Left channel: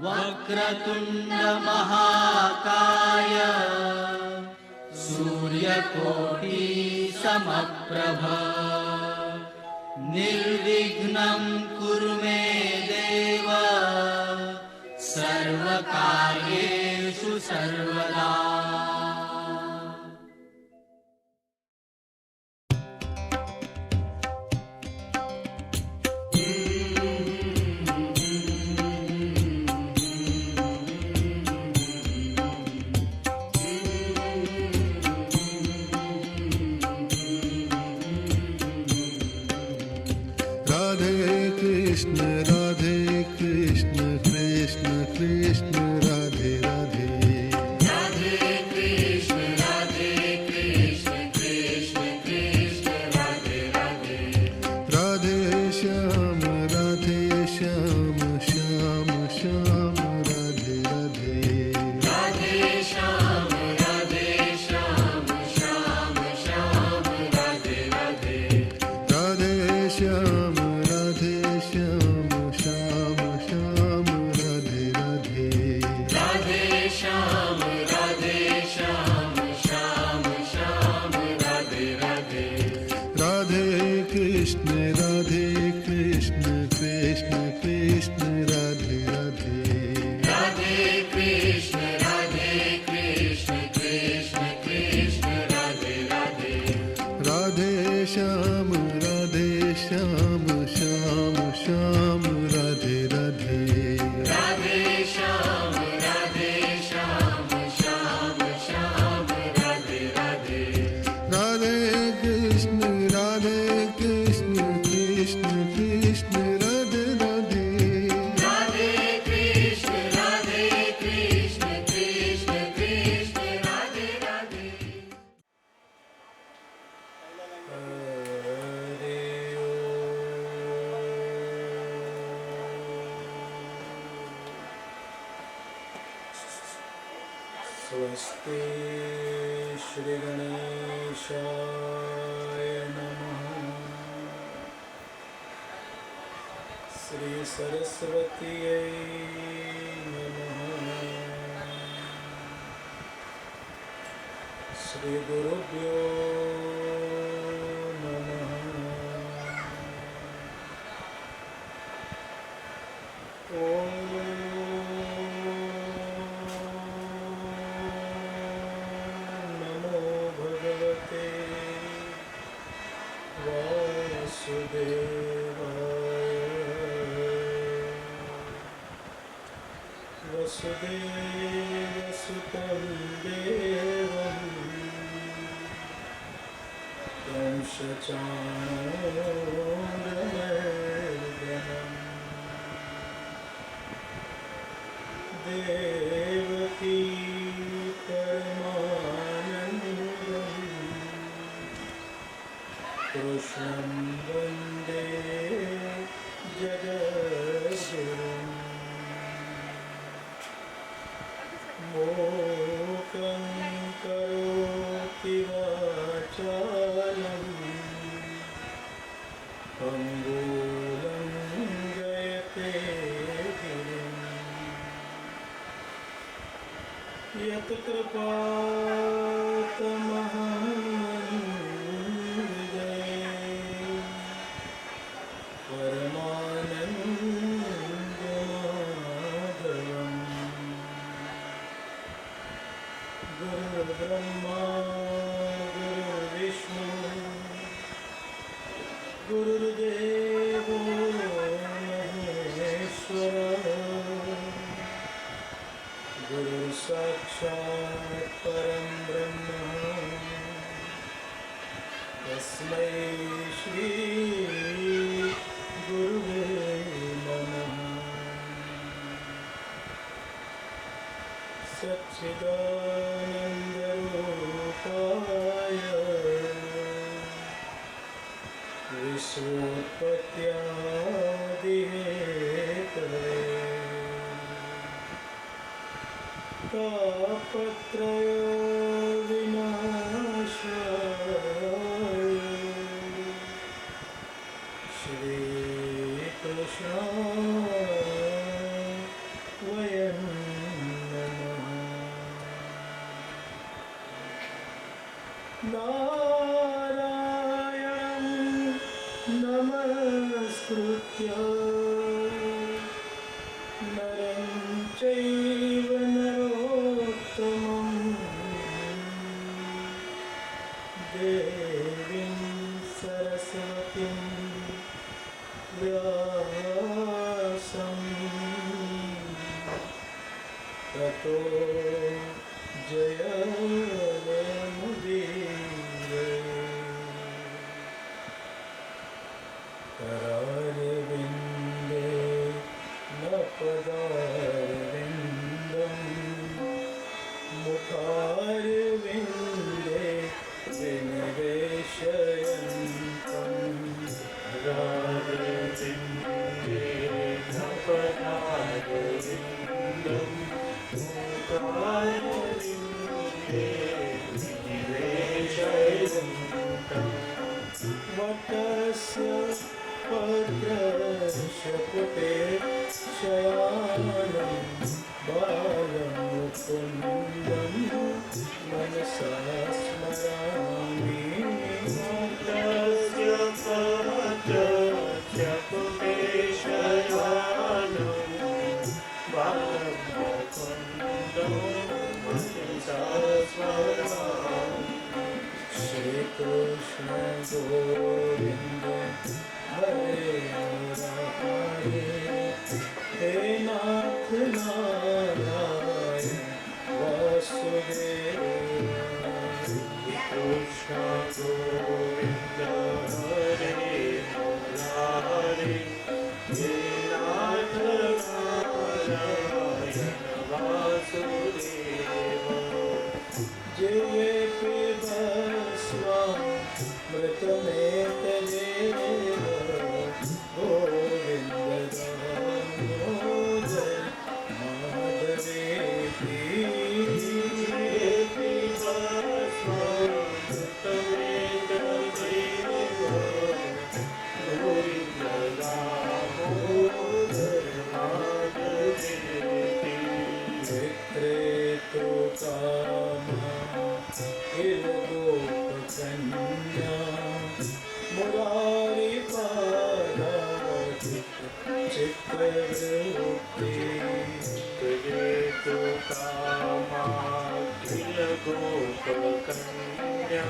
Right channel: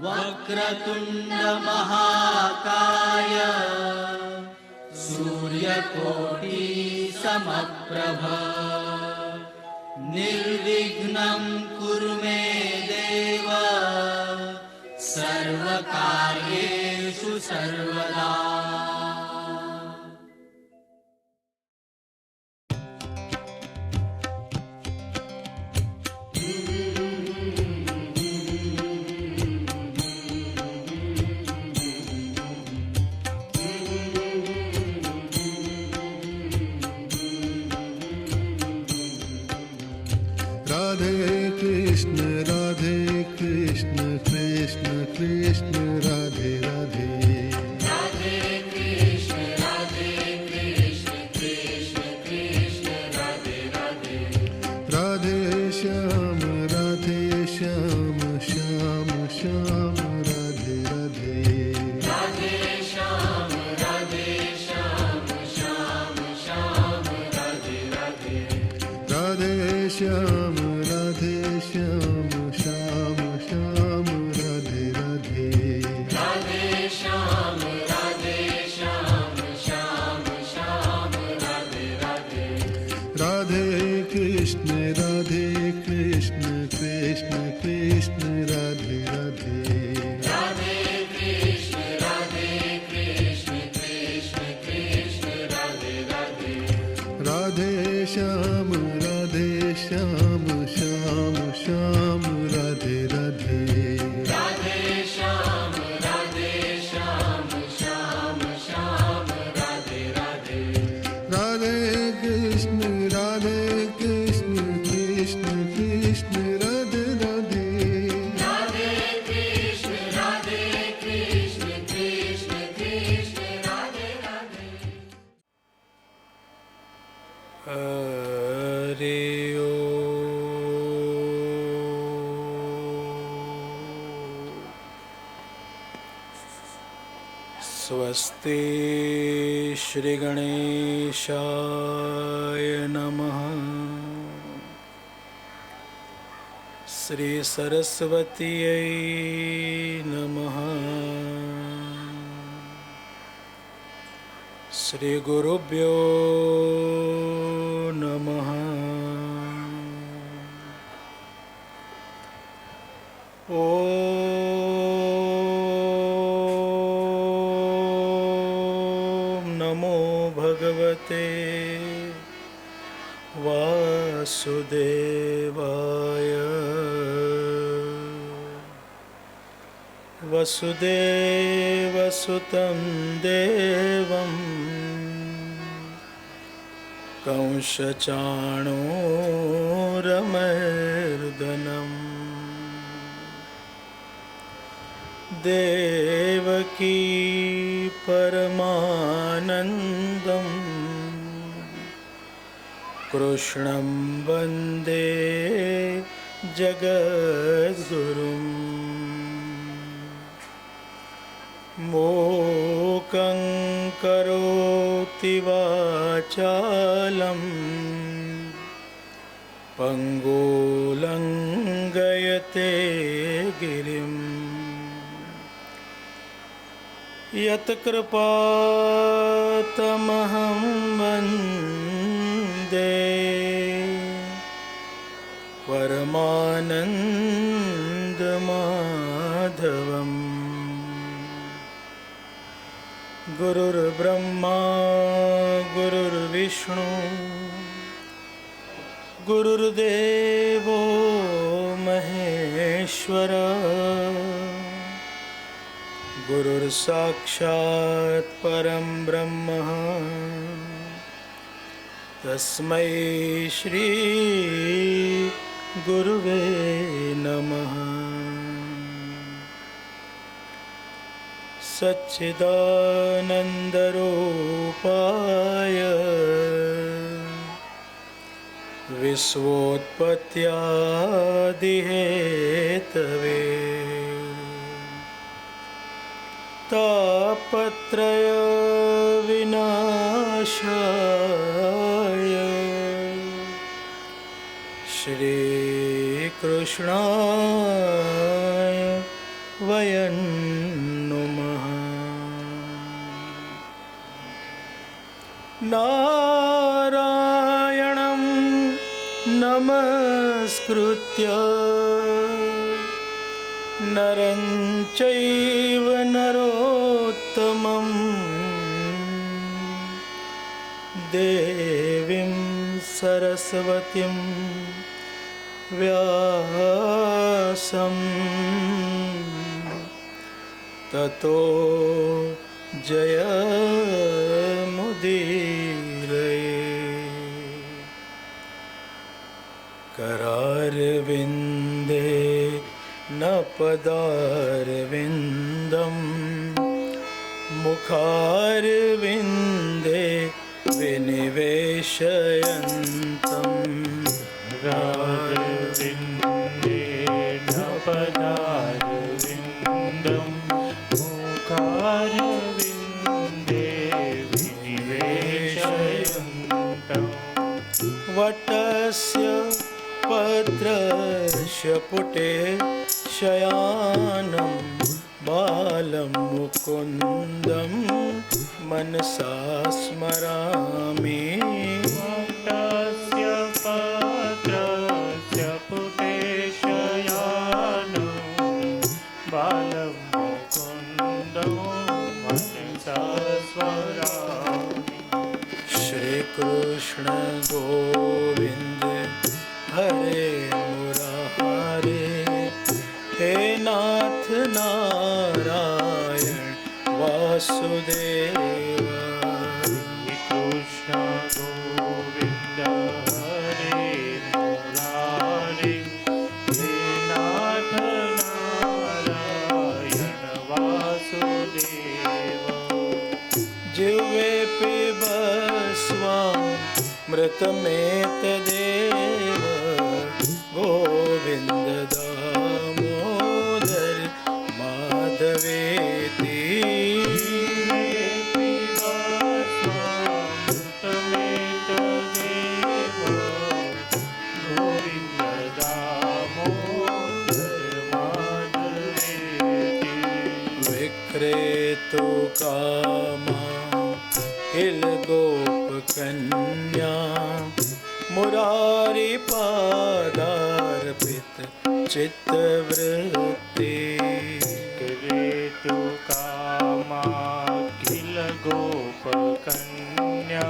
वक्रतुंड महाकाय सूर्यकोटि समप्रभ निर्विघ्नं कुरु मे देव सर्वकार्येषु सर्वदा। राधे कृष्ण कृष्ण कृष्ण राधे राधे। राधे कृष्ण कृष्ण कृष्ण राधे राधे। राधे श्याम श्याम श्याम राधे राधे। राधे श्याम श्याम श्याम राधे राधे। राधे श्याम श्याम श्याम राधे राधे। राधे श्याम श्याम श्याम राधे राधे। राधे कृष्ण कृष्ण कृष्ण राधे राधे। राधे कृष्ण कृष्ण कृष्ण राधे राधे। राधे श्याम श्याम श्याम राधे राधे। राधे श्याम श्याम श्याम राधे राधे। राधे कृष्ण कृष्ण कृष्ण राधे राधे। राधे कृष्ण कृष्ण कृष्ण राधे राधे। हरि स्वस्ति श्री गणेशाय नमः। श्री सरस्वत्यै नमः। श्री गुरुभ्यो नमः। ओम नमो भगवते वासुदेवाय। वसुदेवसुतं देवं कंसचाणूरमर्दनम् देवकी परमानन्दं कृष्णं वन्दे जगद्गुरुम्। मूकं करोति वाचालं पङ्गुलङ्घयते गिरिम्। यत्कृपातमहं वन्दे परमानन्दमाधवम्। गुरुर्ब्रह्मा गुरुर्विष्णु गुरुर्देवो महेश्वर गुरुर्साक्षात् परं ब्रह्म तस्मै श्री गुरुवे नमः। सच्चिदानन्दरूपाय विश्वोत्पत्त्यादिहेतवे तापत्रय विनाशाय श्रीकृष्णाय वयं नुमः। नारायणं नमस्कृत्य नरं चैव नरोत्तमं देवीं सरस्वतीं व्यासं ततो जयमुदीरये। करारविन्दे न पदारविन्दं मुखारविन्दे विनिवेशयन्तम्। करारविन्दे न पदारविन्दं मुखारविन्दे विनिवेशयन्तम्। वटस्य पत्रस्य पुटे शयानं बालं मुकुन्दं मनसा स्मरामि। तस्य पात्रस्य पुटे शयानं बालं मुकुन्दं मनसा स्मरामि। श्रीकृष्ण गोविन्द हरे मुरारे, हे नाथ नारायण वासुदेवा। कृष्ण गोविन्द हरे मुरारे, हे नाथ नारायण वासुदेवा। जिह्वे पिबस्वामृतमेतदेव गोविन्द दामोदर माधवेति। विक्रेतु कामा गोपकन्या मुरारी पादार्पित चित्तवृत्ति। विक्रेतु कामा किल गोपकन्या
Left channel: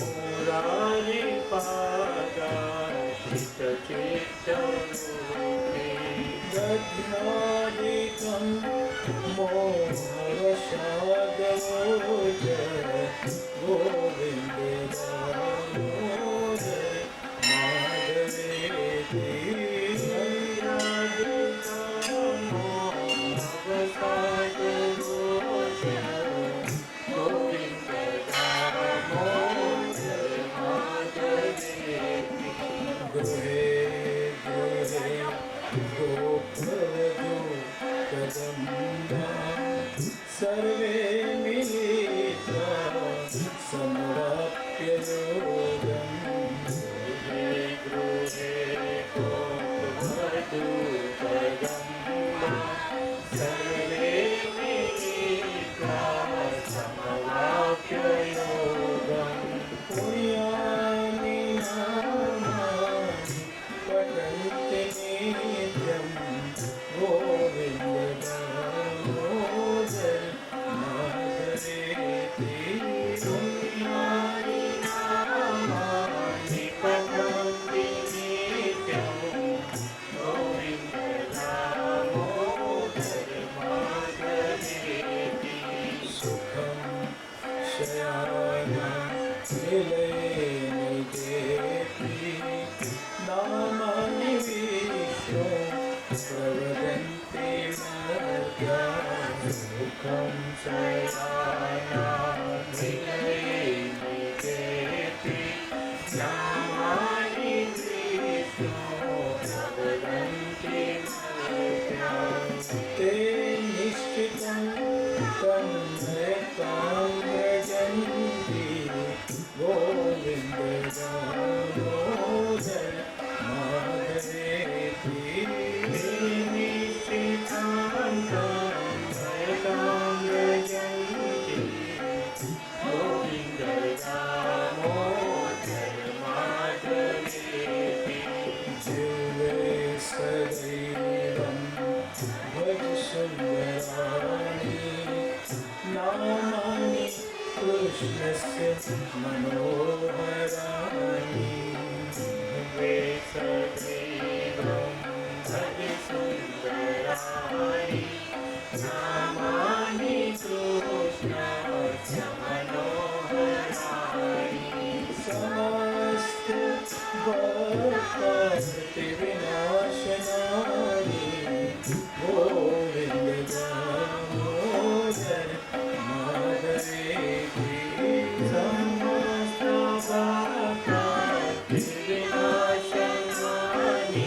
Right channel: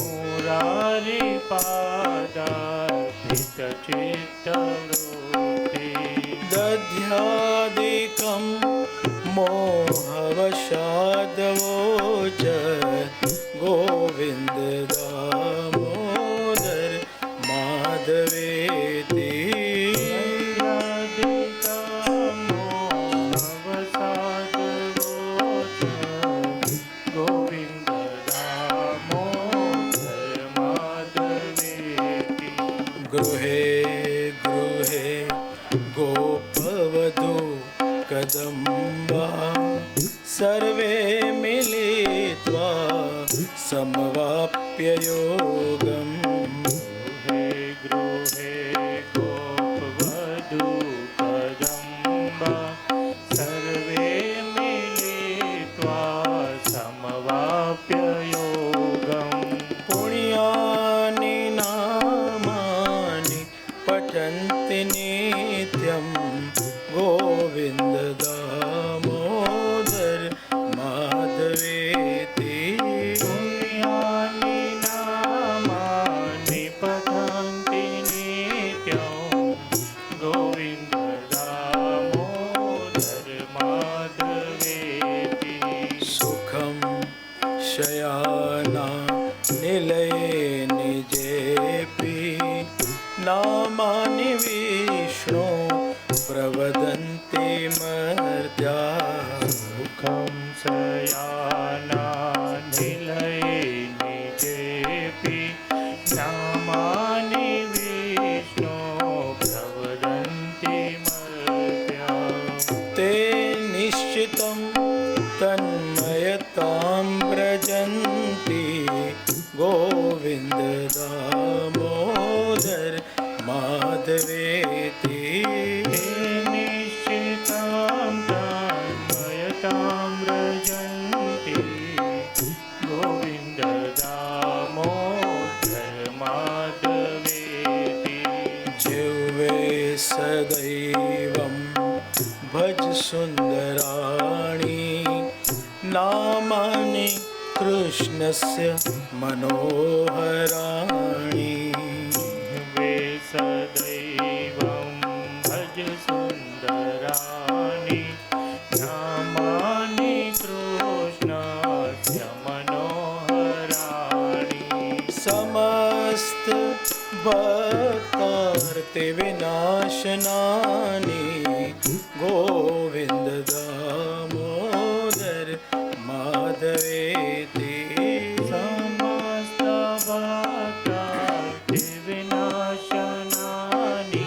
मुरारी पादार्पित चित्तवृत्ति। दध्यादिकं मोहवशादवोच गोविन्द दामोदर माधवेति। गृहे गृहे गोपवधू कदम्बा सर्वे मिलित्वा कृष्णस्य मनोहराणि वेसदैवं भज सुन्दराणि नामानि कृष्णस्य मनोहराणि समस्त भक्तार्ति विनाशनानि गोविन्द दामोदर माधवेति समस्त भक्तार्ति विनाशनानि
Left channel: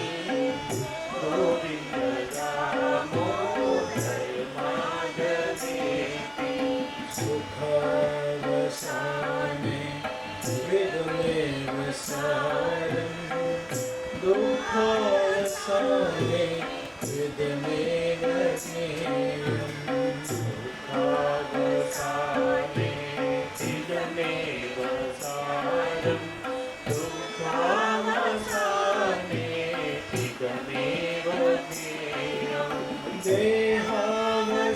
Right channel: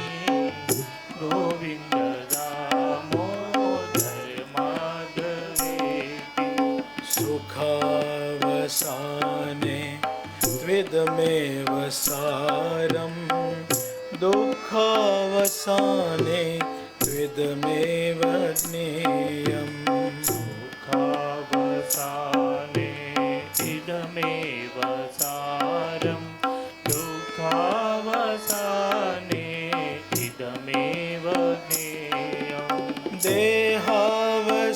गोविन्द दामोदर माधवेति सुखावसाने विदमेव सारं दुःखावसाने विदमेव ज्ञेयम् दुःखावसाने इदमेव सारं दुःखावसाने इदमेव ज्ञेयम्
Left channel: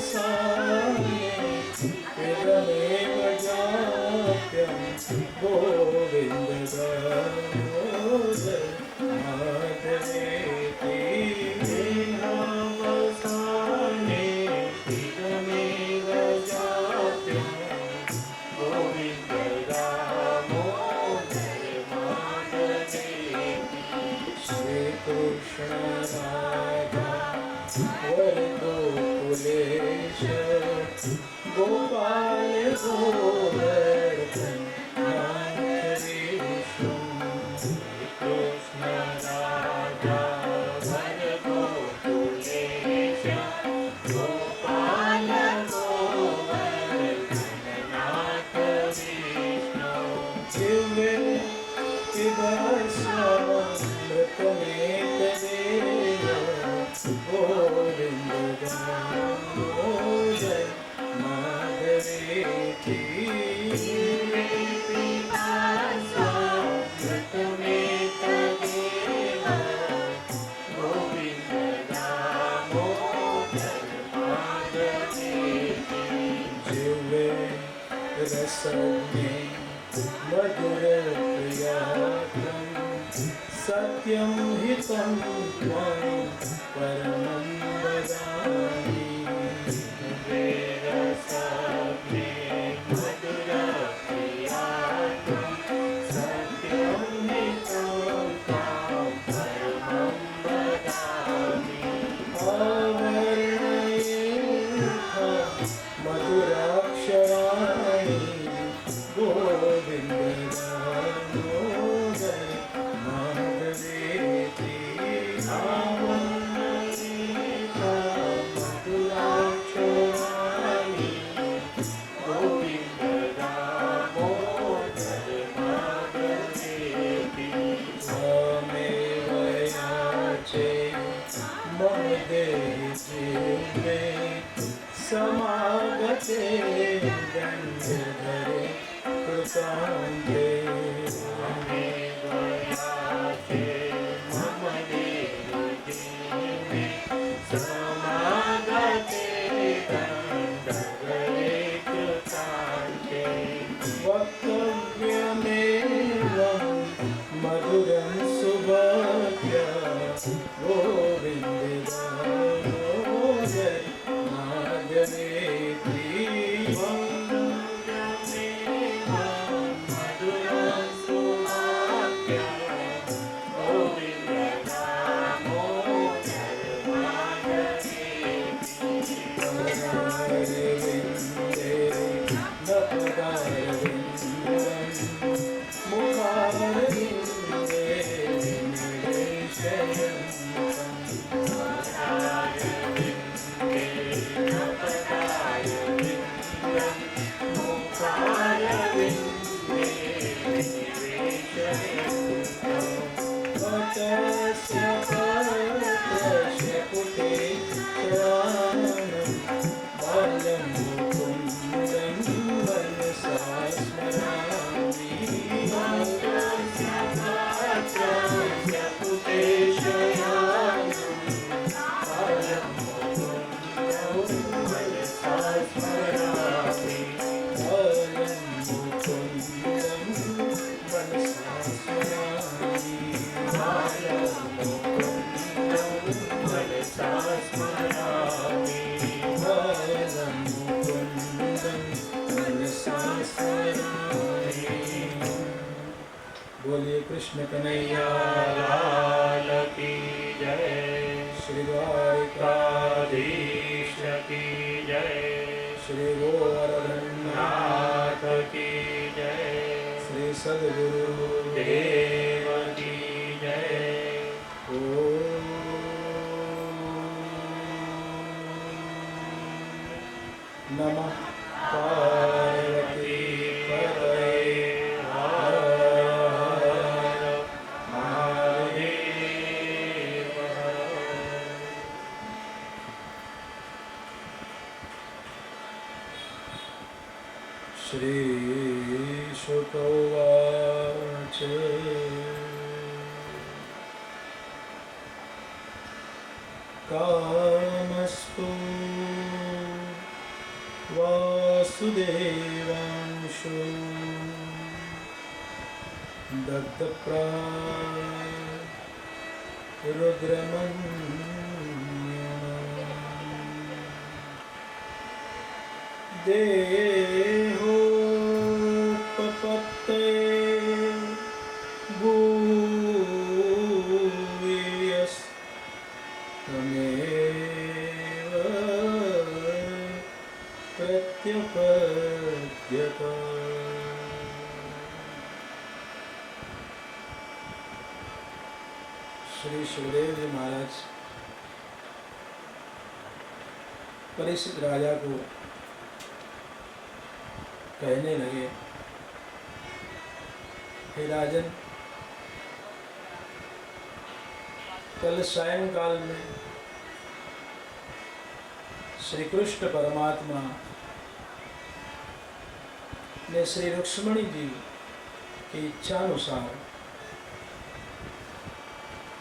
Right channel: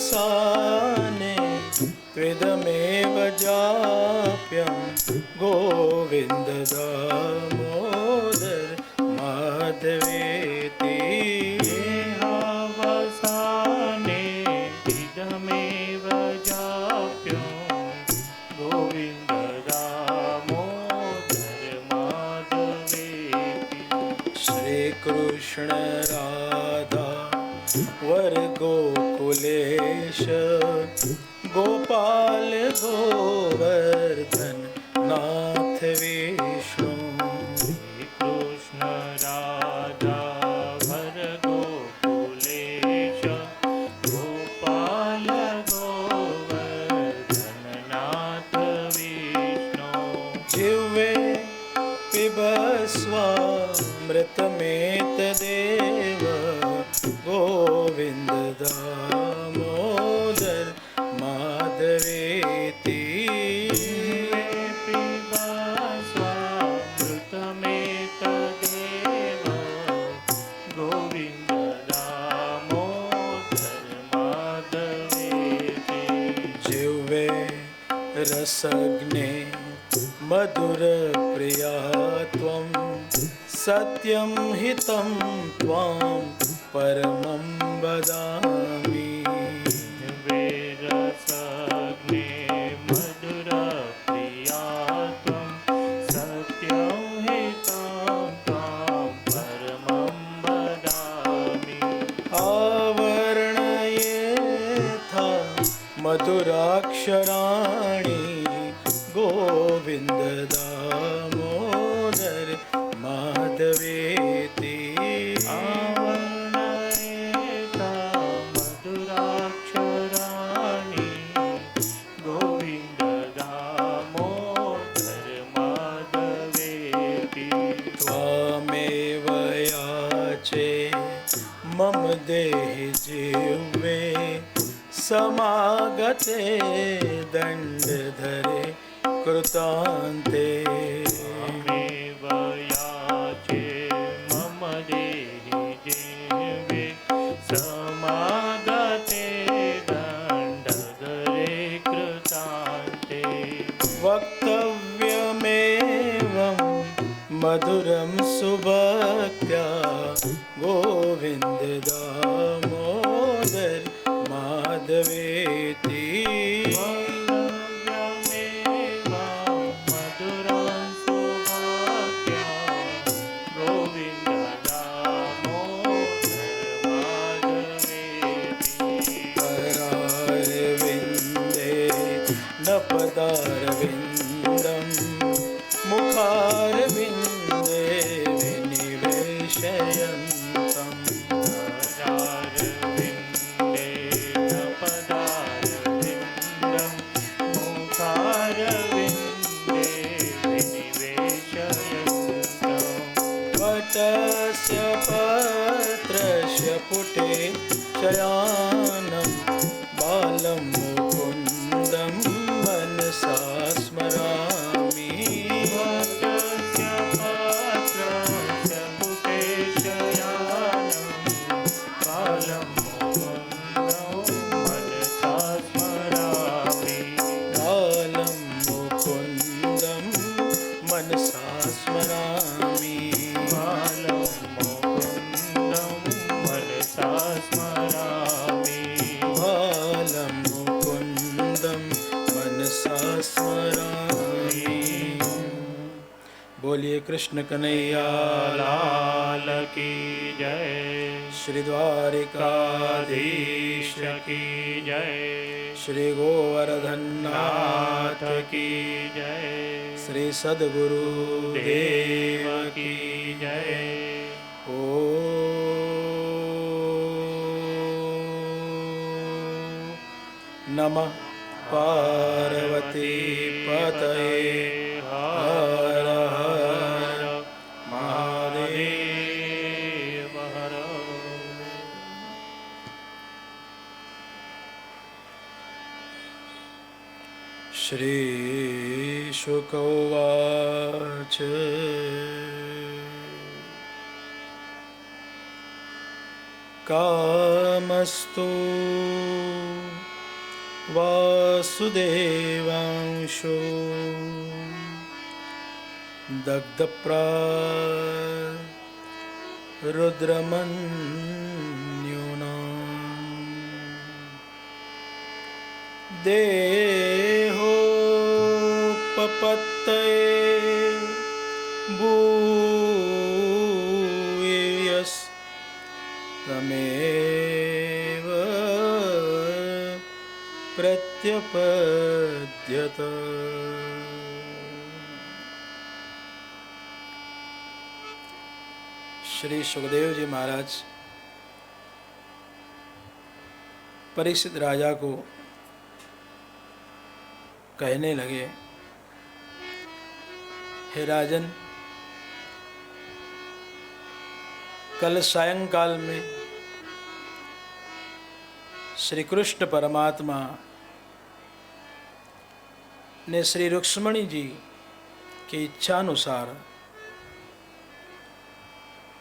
देहावसाने त्विदमेव जाप्यं गोविन्द दामोदर माधवेति देहावसाने इदमेव जाप्यं गोविन्द दामोदर माधवेति श्रीकृष्ण राधा वर गोकुलेश गोपाल गोवर्धन नाथ विष्णु कृष्ण राधा वर गोकुलेश गोपाल गोवर्धननाथ विष्णु जिह्वे पिबस्वामृतमेतदेव गोविन्द दामोदर माधवेति जिह्वे रसज्ञे मधुर प्रिया त्वं सत्यं हितं त्वां परमं वदामि आवर्णयेथा मधुराक्षराणि गोविन्द दामोदर माधवेति त्वामेव याचे मम देहि जिह्वे समागते दण्डधरे कृतान्ते वक्तव्यमेवं मधुरं सुभक्त्या गोविन्द दामोदर माधवेति करारविन्दे न पदारविन्दं मुखारविन्दे विनिवेशयन्तम् बोलिए कृष्ण कन्हैया लाल की जय। श्री द्वारिकाधीश की जय। श्री गोवर्धन नाथ की जय। श्री सद्गुरु देव की जय। ओ नमः पार्वती पतये हर हर महादेव। श्री शुक उवाच कामस्तु वासुदेवांशो दग्धप्राय रुद्रमन्युना देहोपपत्तये भूयस्तमेव प्रत्यपद्यत। श्री सुखदेव जी महाराज परीक्षित राजा को कहने लगे, हे राजन, कल सायंकाल में श्री कृष्ण परमात्मा ने श्री रुक्ष्मणी जी की इच्छानुसार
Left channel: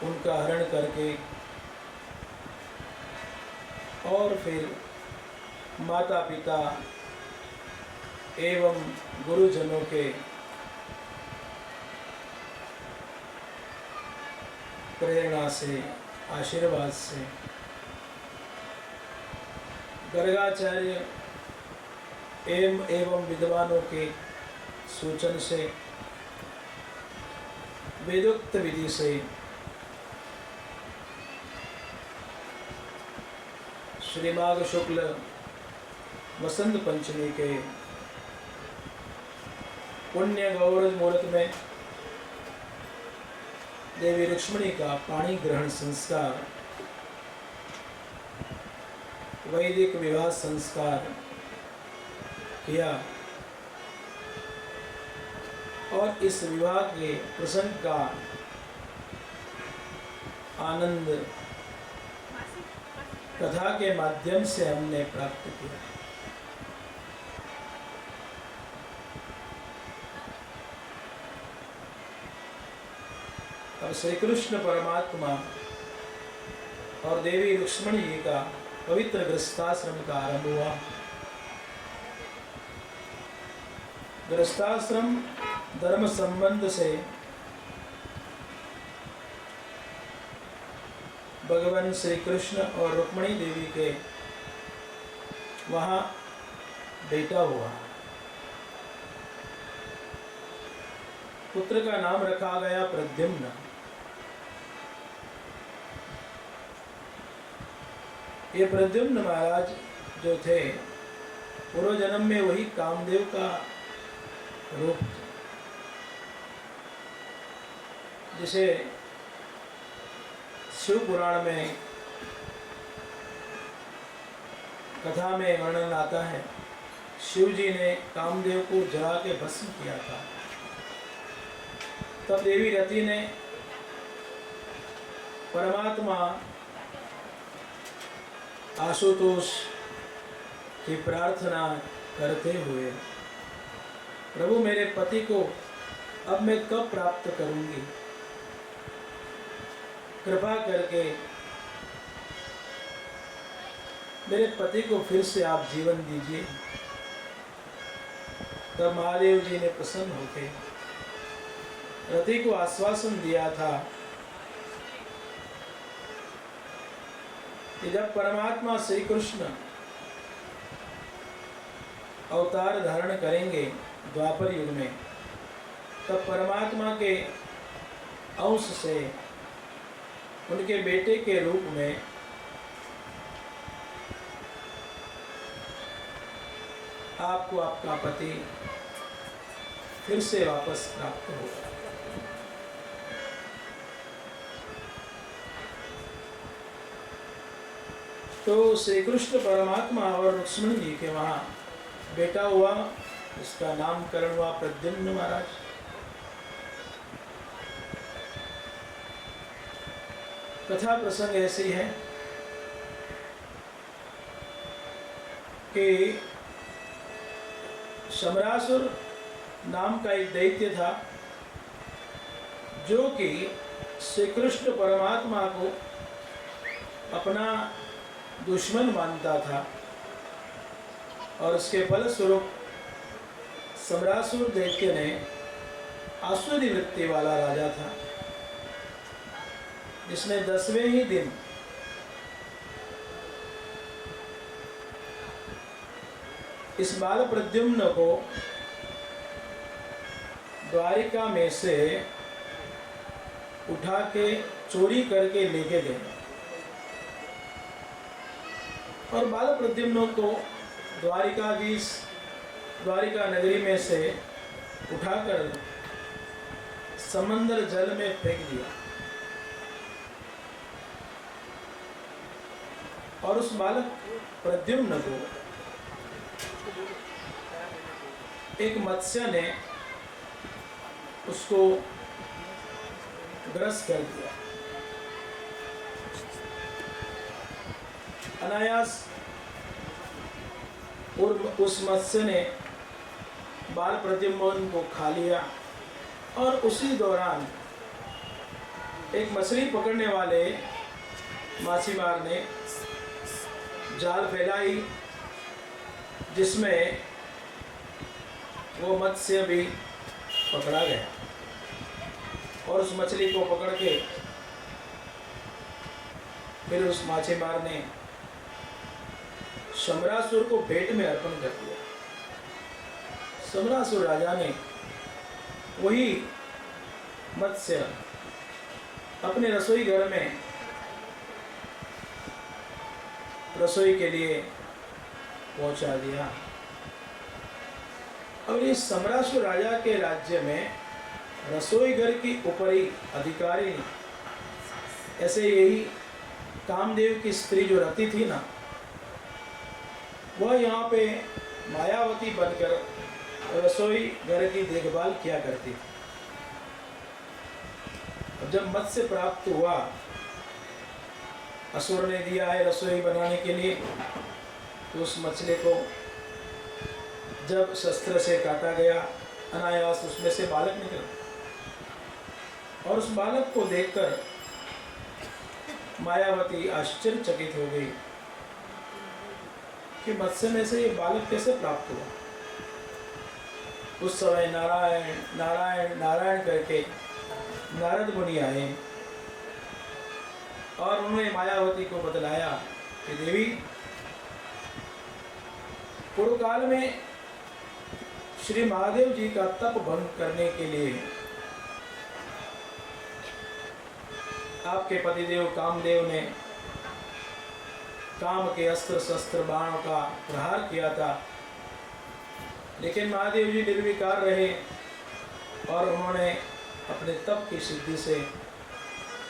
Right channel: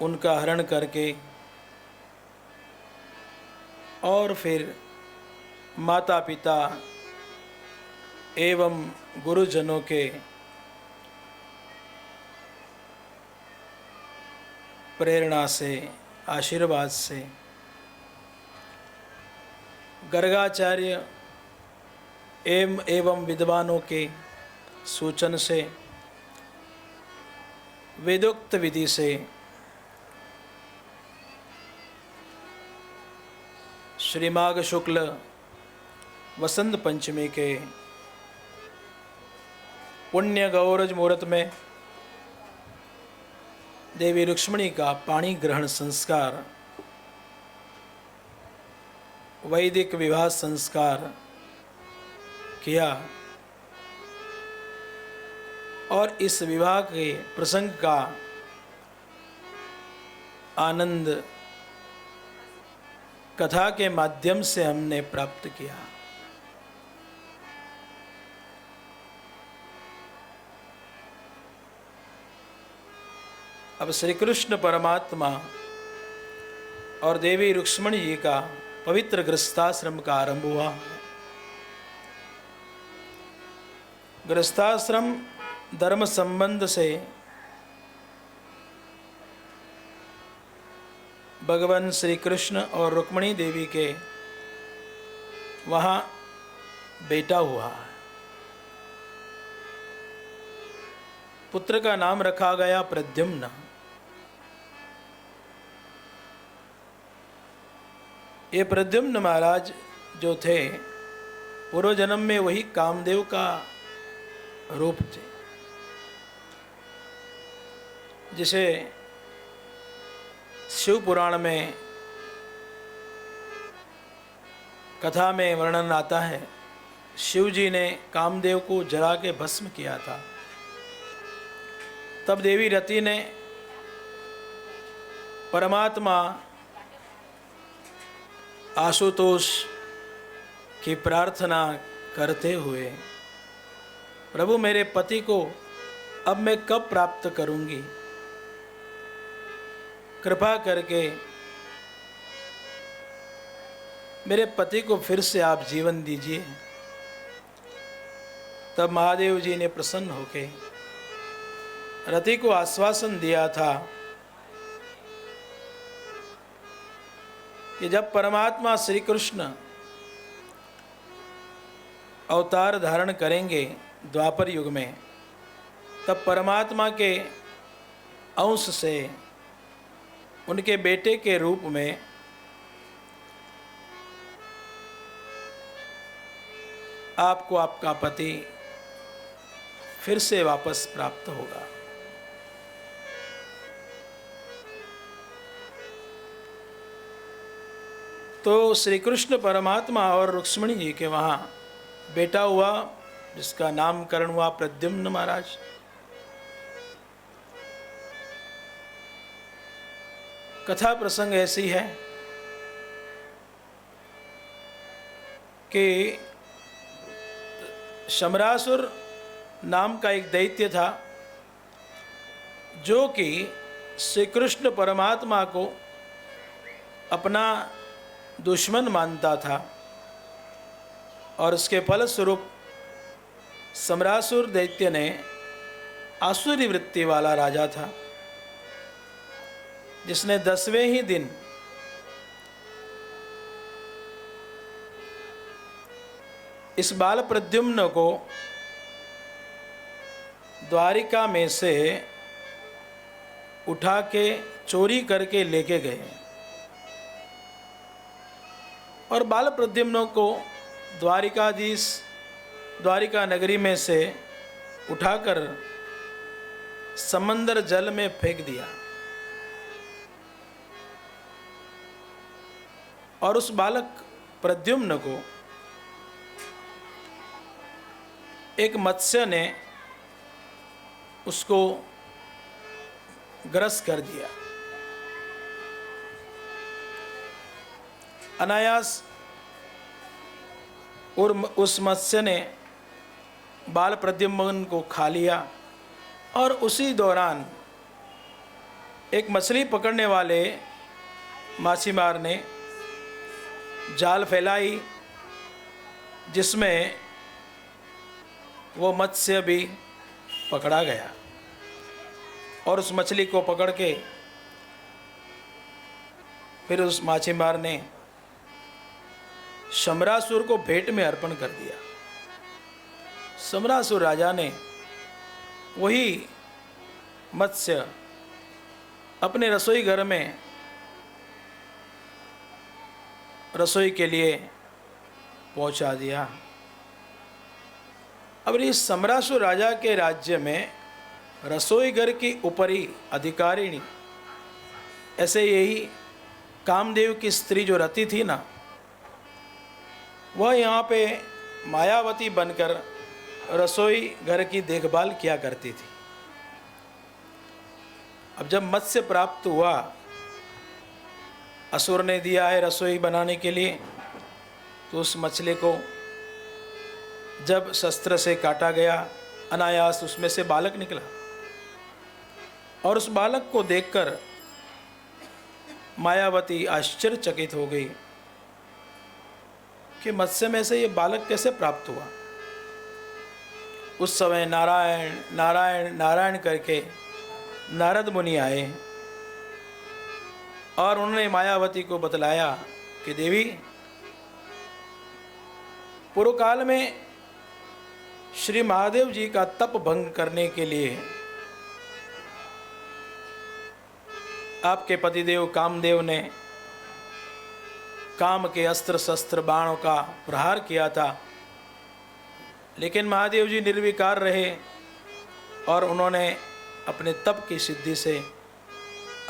उनका हरण करके और फिर माता पिता एवं गुरुजनों के प्रेरणा से, आशीर्वाद से, गर्गाचार्य एवं विद्वानों के सूचन से, वेदोक्त विधि से श्री माघ शुक्ल वसंत पंचमी के पुण्य गौरज मुहूर्त में देवी रुक्ष्मणी का पाणी ग्रहण संस्कार, वैदिक विवाह संस्कार किया और इस विवाह के प्रसंग का आनंद कथा के माध्यम से हमने प्राप्त किया। अब श्री कृष्ण परमात्मा और देवी रुक्ष्मणी जी का पवित्र गृहस्थाश्रम का आरंभ हुआ। गृहस्थाश्रम धर्म संबंध से भगवान श्री कृष्ण और रुक्मिणी देवी के वहाँ बेटा हुआ। पुत्र का नाम रखा गया प्रद्युम्न। ये प्रद्युम्न महाराज जो थे पूर्व जन्म में वही कामदेव का रूप थे, जिसे शिव पुराण में कथा में वर्णन आता है। शिव जी ने कामदेव को जला के भस्म किया था। तब देवी रति ने परमात्मा आशुतोष की प्रार्थना करते हुए, प्रभु मेरे पति को अब मैं कब प्राप्त करूंगी, कृपा करके मेरे पति को फिर से आप जीवन दीजिए। तब महादेव जी ने प्रसन्न होकर रति को आश्वासन दिया था कि जब परमात्मा श्री कृष्ण अवतार धारण करेंगे द्वापर युग में, तब परमात्मा के अंश से उनके बेटे के रूप में आपको आपका पति फिर से वापस प्राप्त होगा। तो श्री कृष्ण परमात्मा और रुक्मिणी जी के वहाँ बेटा हुआ, जिसका नामकरण हुआ प्रद्युम्न महाराज। कथा प्रसंग ऐसी है कि शमरासुर नाम का एक दैत्य था, जो कि श्री कृष्ण परमात्मा को अपना दुश्मन मानता था, और उसके फलस्वरूप शमरासुर दैत्य ने आसुरी वृत्ति वाला राजा था, जिसने 10वें ही दिन इस बाल प्रद्युम्न को द्वारिका में से उठा के चोरी करके लेके गए, और बाल प्रद्युम्न को द्वारिका नगरी में से उठाकर समंदर जल में फेंक दिया, और उस बालक प्रद्युम्न को एक मत्स्य ने उसको ग्रस कर दिया। अनायास और उस मत्स्य ने बाल प्रद्युम्न को खा लिया, और उसी दौरान एक मछली पकड़ने वाले माछीमार ने जाल फैलाई, जिसमें वो मत्स्य भी पकड़ा गया, और उस मछली को पकड़ के फिर उस माछीमार ने शमरासुर को भेंट में अर्पण कर दिया। शमरासुर राजा ने वही मत्स्य अपने रसोई घर में रसोई के लिए पहुंचा दिया। अब इस शमरासुर राजा के राज्य में रसोई घर की ऊपरी अधिकारिणी, ऐसे यही कामदेव की स्त्री जो रति थी ना, वह यहाँ पे मायावती बनकर रसोई घर की देखभाल किया करती थी। अब जब मत्स्य प्राप्त हुआ, असुर ने दिया है रसोई बनाने के लिए, तो उस मछली को जब शस्त्र से काटा गया, अनायास उसमें से बालक निकला, और उस बालक को देखकर मायावती आश्चर्यचकित हो गई कि मत्स्य में से ये बालक कैसे प्राप्त हुआ। उस समय नारायण नारायण नारायण करके नारद मुनि आए, और उन्होंने मायावती को बतलाया कि देवी, पूर्व काल में श्री महादेव जी का तप भंग करने के लिए आपके पतिदेव कामदेव ने काम के अस्त्र शस्त्र बाणों का प्रहार किया था, लेकिन महादेव जी निर्विकार रहे, और उन्होंने अपने तप की सिद्धि से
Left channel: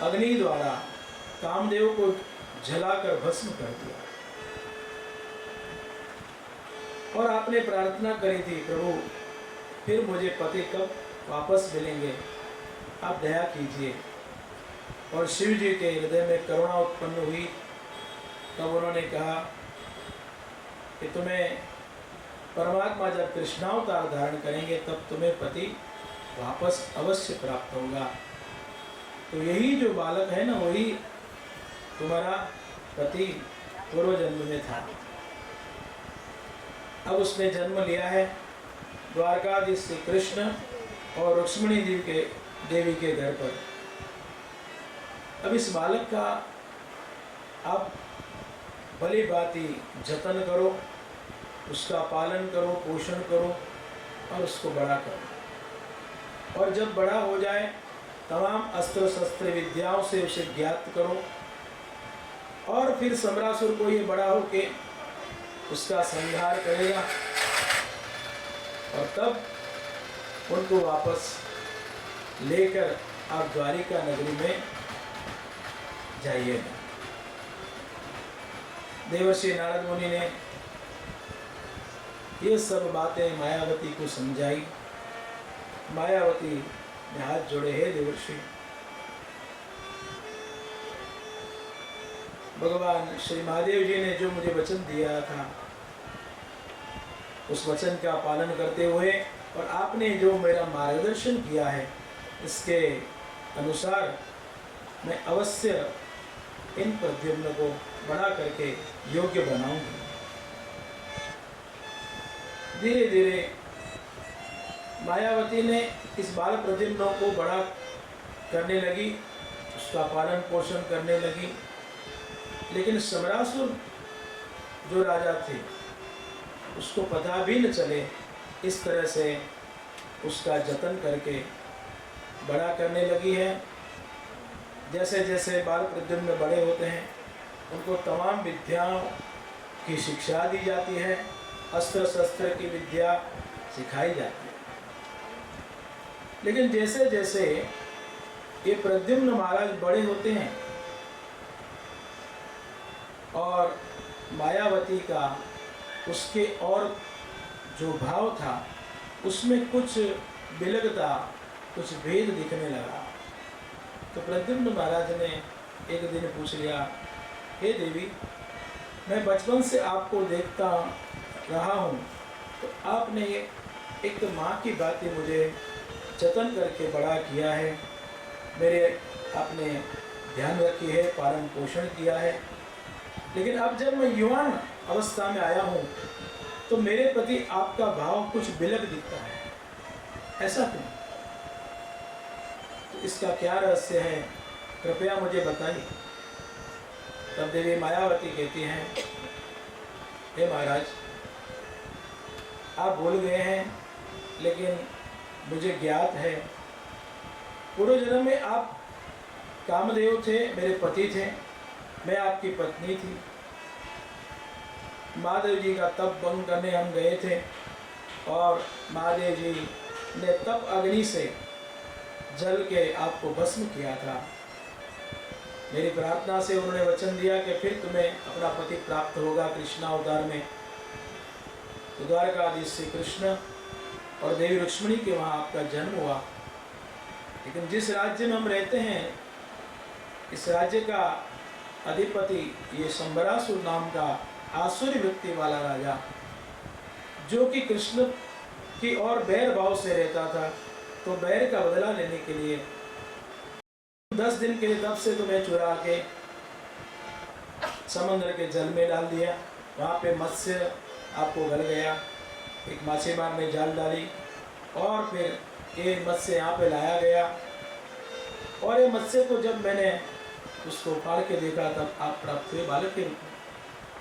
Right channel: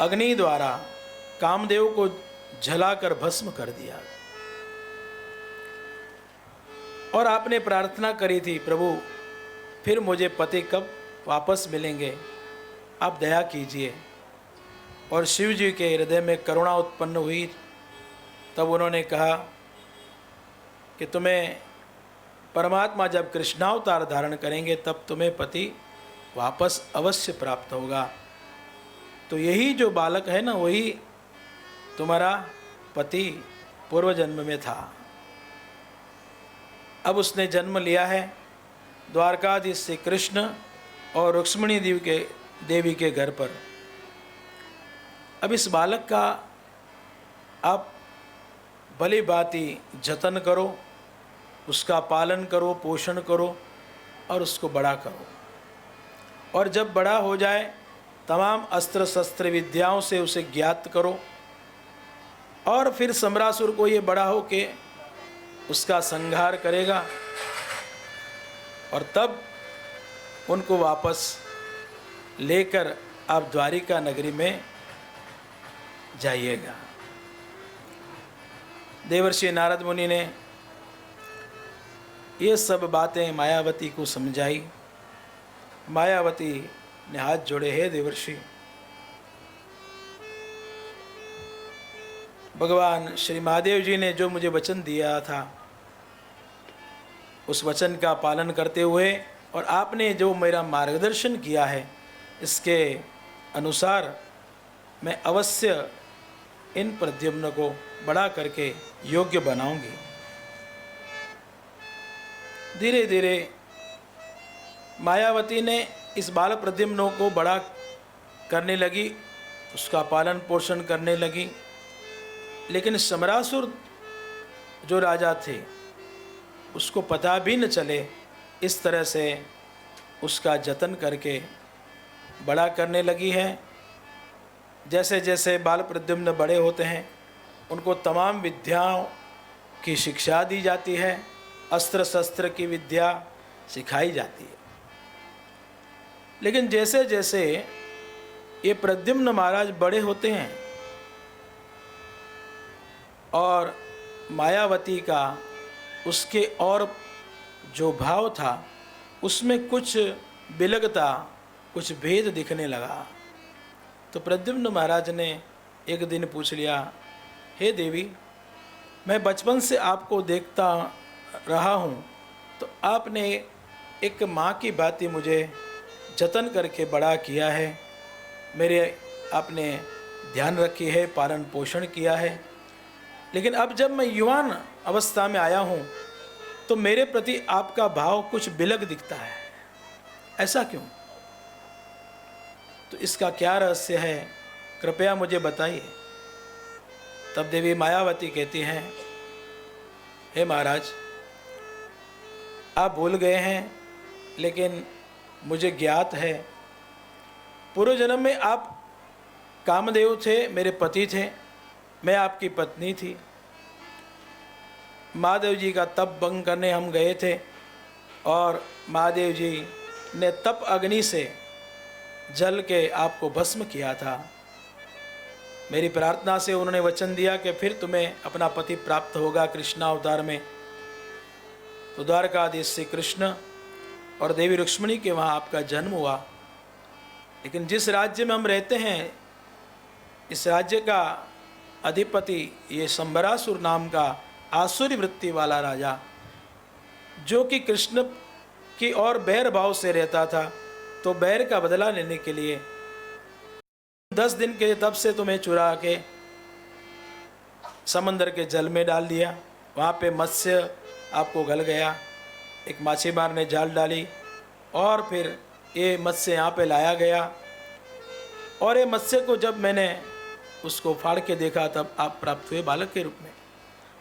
अग्नि द्वारा कामदेव को जलाकर भस्म कर दिया। और आपने प्रार्थना करी थी, प्रभु फिर मुझे पति कब वापस मिलेंगे, आप दया कीजिए। और शिव जी के हृदय में करुणा उत्पन्न हुई, तब उन्होंने कहा कि तुम्हें परमात्मा जब कृष्णावतार धारण करेंगे, तब तुम्हें पति वापस अवश्य प्राप्त होगा। तो यही जो बालक है ना, वही तुम्हारा पति पूर्व जन्म में था। अब उसने जन्म लिया है द्वारकाधीश श्री कृष्ण और रुक्मिणी देवी के घर पर। अब इस बालक का आप भली भांति जतन करो, उसका पालन करो, पोषण करो, और उसको बड़ा करो। और जब बड़ा हो जाए तमाम अस्त्र शस्त्र विद्याओं से उसे ज्ञात करो, और फिर सम्रासुर को ये बड़ा हो के उसका संहार करेगा, और तब उनको वापस लेकर आप द्वारिका नगरी में जाइएगा। देवर्षि नारद मुनि ने ये सब बातें मायावती को समझाई। मायावती ने हाथ जोड़े, हे देवर्षि, भगवान श्री महादेव जी ने जो मुझे वचन दिया था उस वचन का पालन करते हुए और आपने जो मेरा मार्गदर्शन किया है इसके अनुसार मैं अवश्य इन प्रद्युम्न को बड़ा करके योग्य बनाऊंगी। धीरे धीरे मायावती ने इस बाल प्रद्युम्नों को बड़ा करने लगी, उसका पालन पोषण करने लगी। लेकिन सम्रासुर जो राजा थे उसको पता भी न चले इस तरह से उसका जतन करके बड़ा करने लगी है। जैसे जैसे बाल प्रद्युम्न बड़े होते हैं उनको तमाम विद्याओं की शिक्षा दी जाती है, अस्त्र शस्त्र की विद्या सिखाई जाती है। लेकिन जैसे जैसे ये प्रद्युम्न महाराज बड़े होते हैं और मायावती का उसके और जो भाव था उसमें कुछ विलगता, कुछ भेद दिखने लगा। तो प्रद्युम्न महाराज ने एक दिन पूछ लिया, हे देवी, मैं बचपन से आपको देखता रहा हूँ, तो आपने एक माँ की भांति मुझे जतन करके बड़ा किया है, मेरे आपने ध्यान रखी है, पालन पोषण किया है। लेकिन अब जब मैं युवान अवस्था में आया हूँ तो मेरे प्रति आपका भाव कुछ विलग दिखता है, ऐसा क्यों? तो इसका क्या रहस्य है, कृपया मुझे बताइए। तब देवी मायावती कहती हैं, हे महाराज, आप भूल गए हैं, लेकिन मुझे ज्ञात है पूर्व जन्म में आप कामदेव थे, मेरे पति थे, मैं आपकी पत्नी थी। महादेव जी का तप भंग करने हम गए थे और महादेव जी ने तप अग्नि से जल के आपको भस्म किया था। मेरी प्रार्थना से उन्होंने वचन दिया कि फिर तुम्हें अपना पति प्राप्त होगा कृष्णावतार में। तो द्वारकाधीश श्री कृष्ण और देवी रुक्मिणी के वहाँ आपका जन्म हुआ। लेकिन जिस राज्य में हम रहते हैं, इस राज्य का अधिपति ये सम्बरासुर नाम का आसुरी वृत्ति वाला राजा, जो कि कृष्ण की और बैर भाव से रहता था, तो बैर का बदला लेने के लिए 10 दिन के तब से तुम्हें चुरा के समंदर के जल में डाल दिया। वहाँ पे मत्स्य आपको गल गया, एक मछुआरे ने जाल डाली और फिर ये मत्स्य यहाँ पे लाया गया। और ये मत्स्य को जब मैंने उसको फाड़ के देखा तब आप प्राप्त हुए बालक के रूप में।